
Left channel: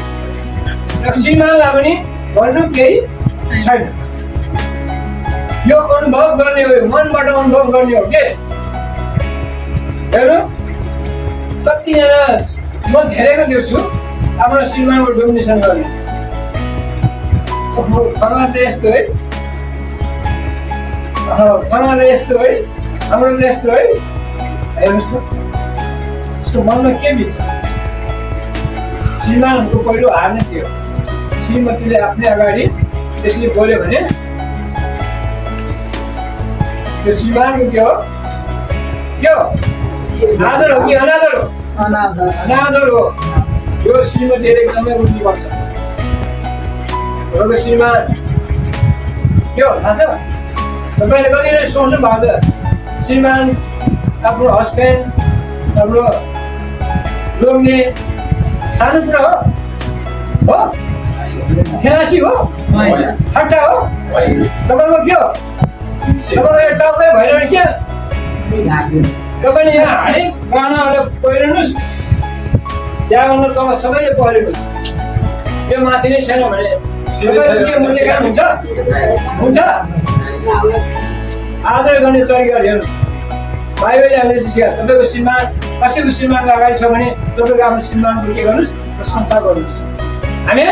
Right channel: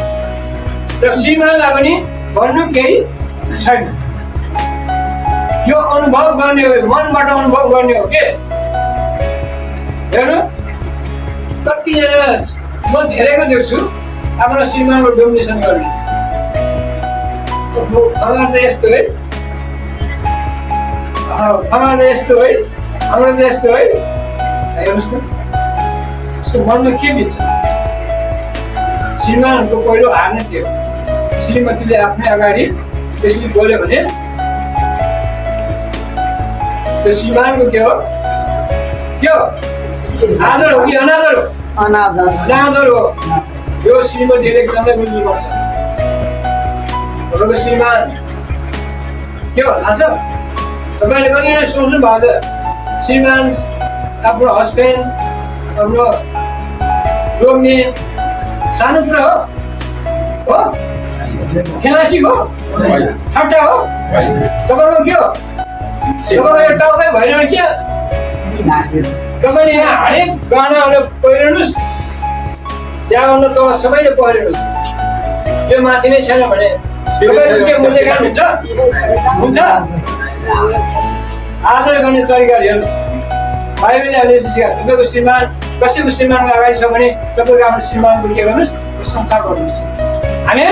र श्रीमानलाई पनि भन्नु केही छैन यो अनुभव गर्ने हो मनबाट अनुभव गर्ने हो के हेर्नु कतिजना म धेरैको देख्छु आफ्नो श्रीमानको डोमिनेसन गर्ने खबर त यस्तो है खबर त यस्तो है हाम्रो त यस्तो है हेर्नुहोस् न यसको मनमा के बित्छ श्रीमानको पहिलो हार नै थियो श्रीमतीले आफ्नै अगाडि त्यसरी बोल्यो भने त्यो श्रीमानको के हो आदर हो कि अनादर हो अनादर हो यो श्रीमतीले एकदमै बुझ्नुपर्छ तपाईँको श्रीमान के हो थाहा छ तपाईँले कतिले सोच्नु भएको छ श्रीमान आफ्नो हस्बेन्ड हाम्रो लोग्ने सानो कुरा हो खेलासी हो ठट्टा हो तपाईँको के हो तपाईँको टाउकै भएन के तपाईँले यहाँ हरेक गहनाहरू पहिरनुहोस् त्यहाँभन्दा तल सबैले पहिरनुहोस् त्यो माथि नै छैन भने तपाईँको के मूल्यकान हुन्छ आदर गर्ने तरिकाहरू हेर्नु बाइबलले हामीले सिकाएको तपाईँको श्रीमान कसैको श्रीमानको अगाडि छ भने तपाईँको आफ्नो श्रीमानको के गर्नुहोस् प्रशंसा गर्नुहोस् हामी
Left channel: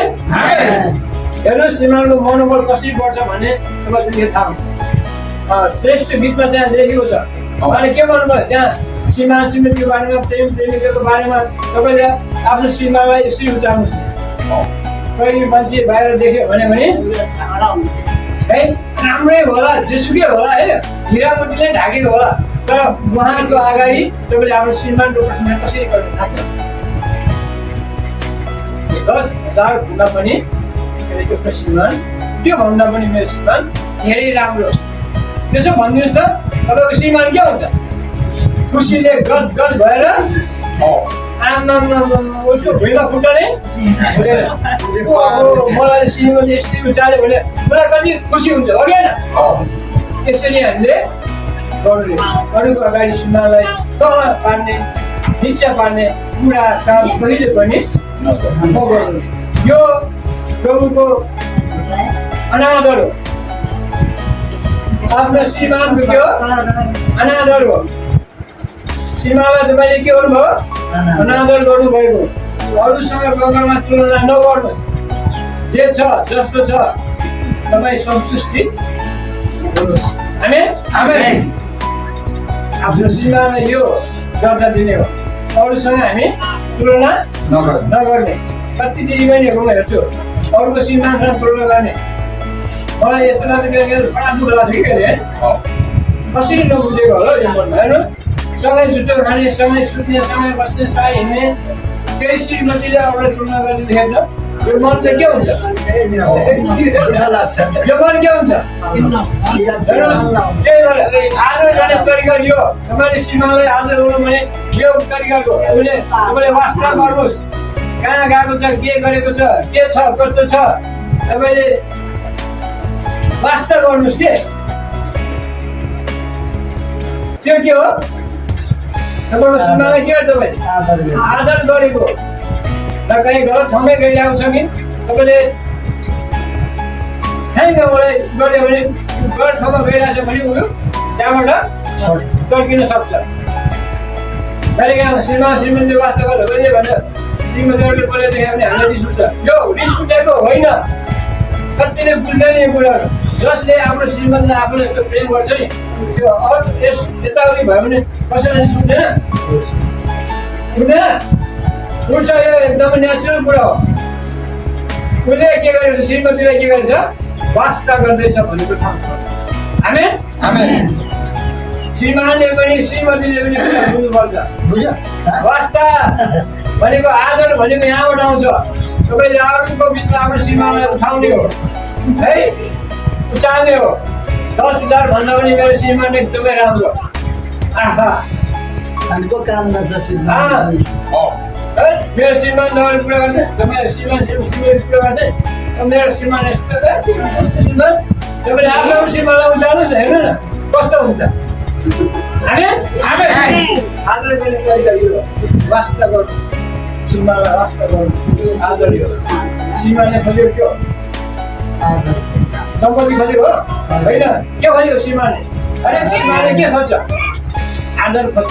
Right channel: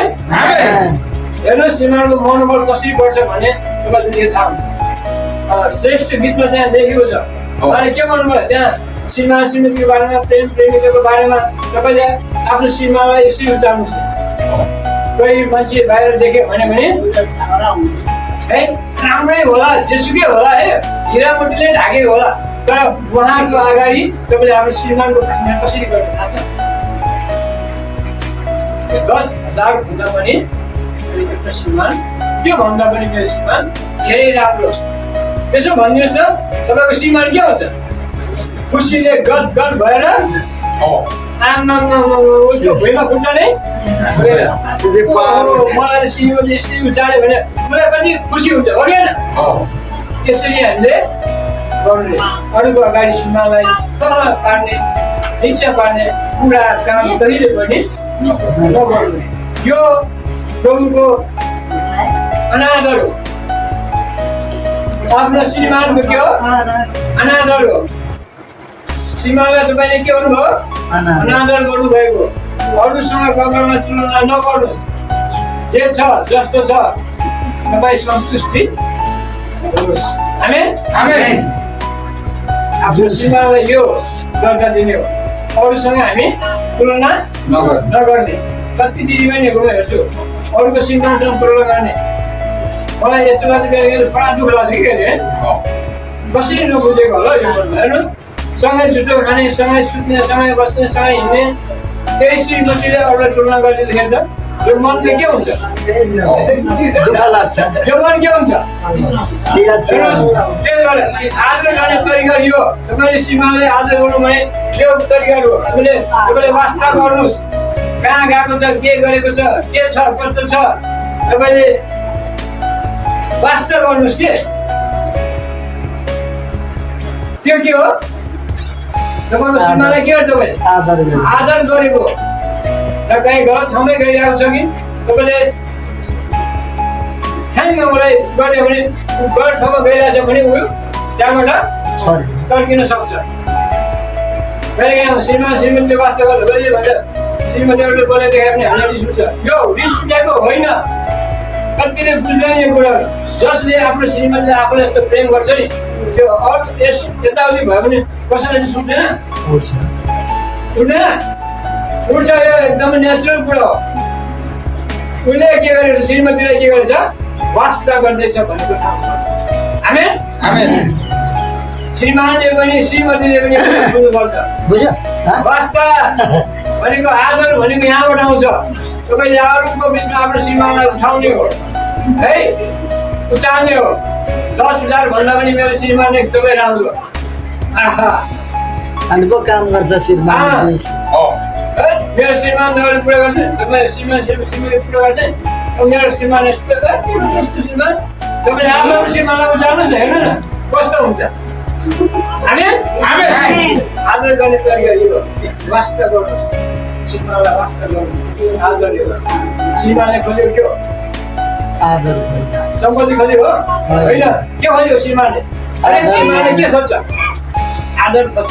हेर्नुहोस् श्रीमानको मनोबल कसरी बढ्छ भने तपाईँले थाहा हुन्छ श्रेष्ठ गीतमा त्यहाँ लेखेको छ अनि के भन्नुभयो त्यहाँ श्रीमान श्रीमतीको बारेमा प्रेम प्रेमिकाको बारेमा तपाईँले आफ्नो श्रीमानलाई यसरी उचार्नुहोस् कोही मान्छे बाहिर देख्यो भने है राम्रै होला जेसुकै होला है हिरामतीले ढाकेको होला तर उहाँको अगाडि तपाईँले आफ्नो श्रीमानको प्रशंसा कसरी गर्नु थाहा छ 10,000 भन्दा पनि त्यो श्रीमान त्यो भन्दा पनि मेरो श्रीमान धेरै राम्रो त्यसो भनिदिनुहोस् त तपाईँको श्रीमान के हुन्छ खुसीले गद गद भएर भुइँमा खुट्टा नै मलाई श्रीमती यसरी उचाल्यो भने मलाई कति खुसी हुन्छ हो कि होइन त्यसरी हामीले गर्नु अरूको अगाडि श्रीमानलाई तल पार्ने निचा पार्ने कुरा काम कहिले पनि नगर्नु यो प्रभुको अनादर हो आफ्नो श्रीमानको के हो अनादर हो श्रीमानलाई तपाईँले के गर्नुभयो अनादर गर्नुभएको अरूसँग कङ्गरमा तुलना नगर्नुहोस् जे छ जस्तो छ तपाईँ सन्तुष्टि हुनुहोस् आमेन आफ्नो श्रीमानलाई यो दर्जा दिने हो अरूसँग हामी तुलना नगर्ने कति दिदीबहिनीहरूकोमा हेर्छु अरूको श्रीमानसँग तुलना गर्ने मलाई यस्तो लाग्छ बडा दुःख लाग्छ कि कहिले है कसरी नबुझेको होला यो मनमा हेर्नु सँगै झुटो खाने सँगै सुत्ने सँगै बस्ने सँगै हिँड्ने त्यही श्रीमतीले अरूलाई तुलना गरिदिँदाखेरि त यो मनले के हुन्छ यो मन के हुन्छ त्यही भएर आदर गर्ने तरिका यो तपाईँले श्रीमानलाई आदर गर्नु भने यो तरिका हो तपाईँले वास्ता गर्नुहोस् कहाँ गएको छ के गरेको छ के छ कस्तो छ तपाईँले वास्ता गर्नुहोस् के त्यो के हो तपाईँको श्रीमानलाई के गर्छ तपाईँले आदर गरेको र कहीँ गलत ठाउँमै गइरहेको छ कि तपाईँले ठ्याङ्ग मलाई गर्यो भने गलत ठाउँमा गइरहेछ भने उयो त्यहाँबाट तर्किन सक्छ कहिले श्रीमान श्रीमतीले वास्ता गर्दा कहिले भन्छ श्रीमतीहरूले बोलेको देखायो भने हामीलाई रिस उठ्छ यो रिस उठेको होइन कतिले बुझ्दैन यो कुराहरू जसले आफ्नो श्रीमतीले आफूलाई यस्तो प्रेम गर्छ नि त्यो अरू यताउति भयो भने कसैलाई सुन्दैन उठ्छ यो एकदमै नेचुरल कुरा हो उसले के गरेछ श्रीमतीलाई के गरेछ वास्ता गर्दैछ भनेको ठाउँ आमेन श्रीमानले पनि श्रीमतीले पनि बुझ्नुपर्छ बुझ्यो वास्ता भनेको आदर भनेको यहाँबाट आउँछ तपाईँले अरूको बिचमा आफ्नो श्रीमानलाई उठाउने हो है उचाल्ने हो 10,000 भन्दा पनि मेरो श्रीमान एकदमै राम्रो आहा अनि को काम गर्छ श्रीमान मेरो श्रीमानले कुरा गर्छ तपाईँ श्रीमान कुरा गर्छ मेरो श्रीमान यस्तो श्रीमान तपाईँले आफ्नो श्रीमानलाई उचाल्नुहोस् न हेर्नु न कस्तो हुन्छ आदर गर्ने तरिका यो वास्ता गर्नु श्रीमानलाई वास्ता गर्नु आदर यो श्रीमानले खोज्यो के हो आदर सम्पत्ति खोजेको हो होइन के खोज्यो श्रीमानले हरेक श्रीमानले के खोज्छ आदर खोज्छ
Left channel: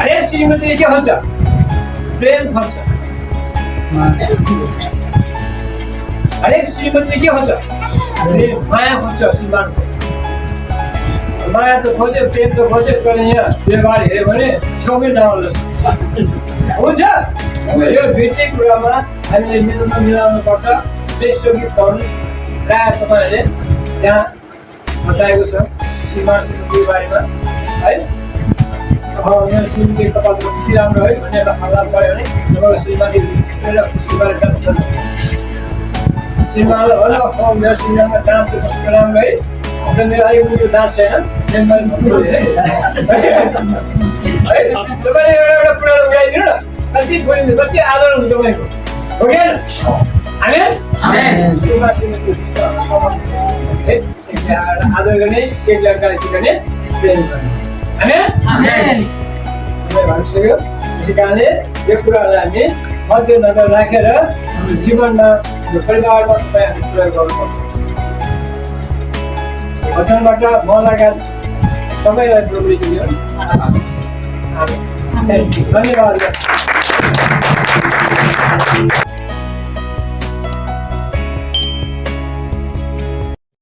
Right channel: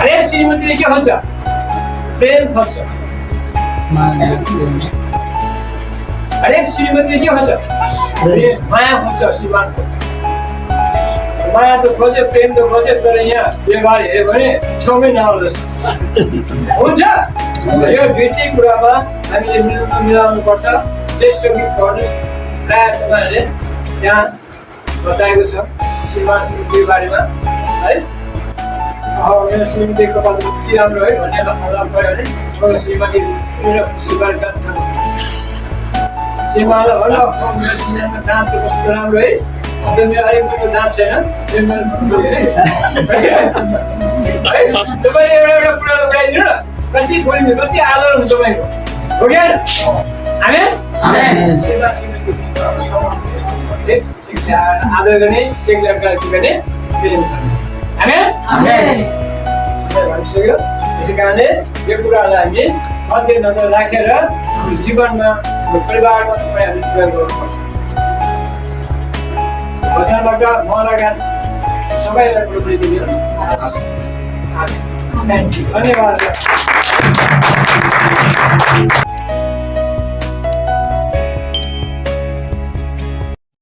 हरेक श्रीमतीले के खोज्छ प्रेम खोज्छ हरेक श्रीमतीले के खोज्छ माया खोज्छ श्रीमानको माया त खोज्यो प्रेम त खोज्यो तर यहाँ व्यवहार हेऱ्यो भने छेउमै नआउनु हुन्छ यो दुईटै कुरामा हामीले मिलाउनु पर्छ श्रेष्ठ गीत गर्नु प्रायः तपाईँहरूले त्यहाँ बताएको छ श्रीमान श्रीमतीको बारेमा है मेरो श्रीमती कपाल कति राम्रो है भन्ने हल्ला पऱ्यो भने तपाईँको श्रीमती मेरो खुसी गरेर श्रीमानलाई होला मेरो श्रीमानमा दाँत चाहिँ कस्तो राम्रो है अन्त मेरो अलिक कुरो दाँत छैन तपाईँले एउटा कुरा उठाइदिनु न कति बोलिन्छ कति आदर हुन्छ तपाईँको हो कि आदर गर्ने एक लड्कालाई के गर्ने प्रेम गर्ने भनिसक्यो त्यसै कारणले यो कुराहरूलाई हामी मध्यनजर राखेर हाम्रो जीवनमा हाम्रो परिवारमा तपाईँ हामी प्रयोग गर्नुपर्छ वचनबाट म लगायत सबैलाई प्रभुले दियो धन्यवाद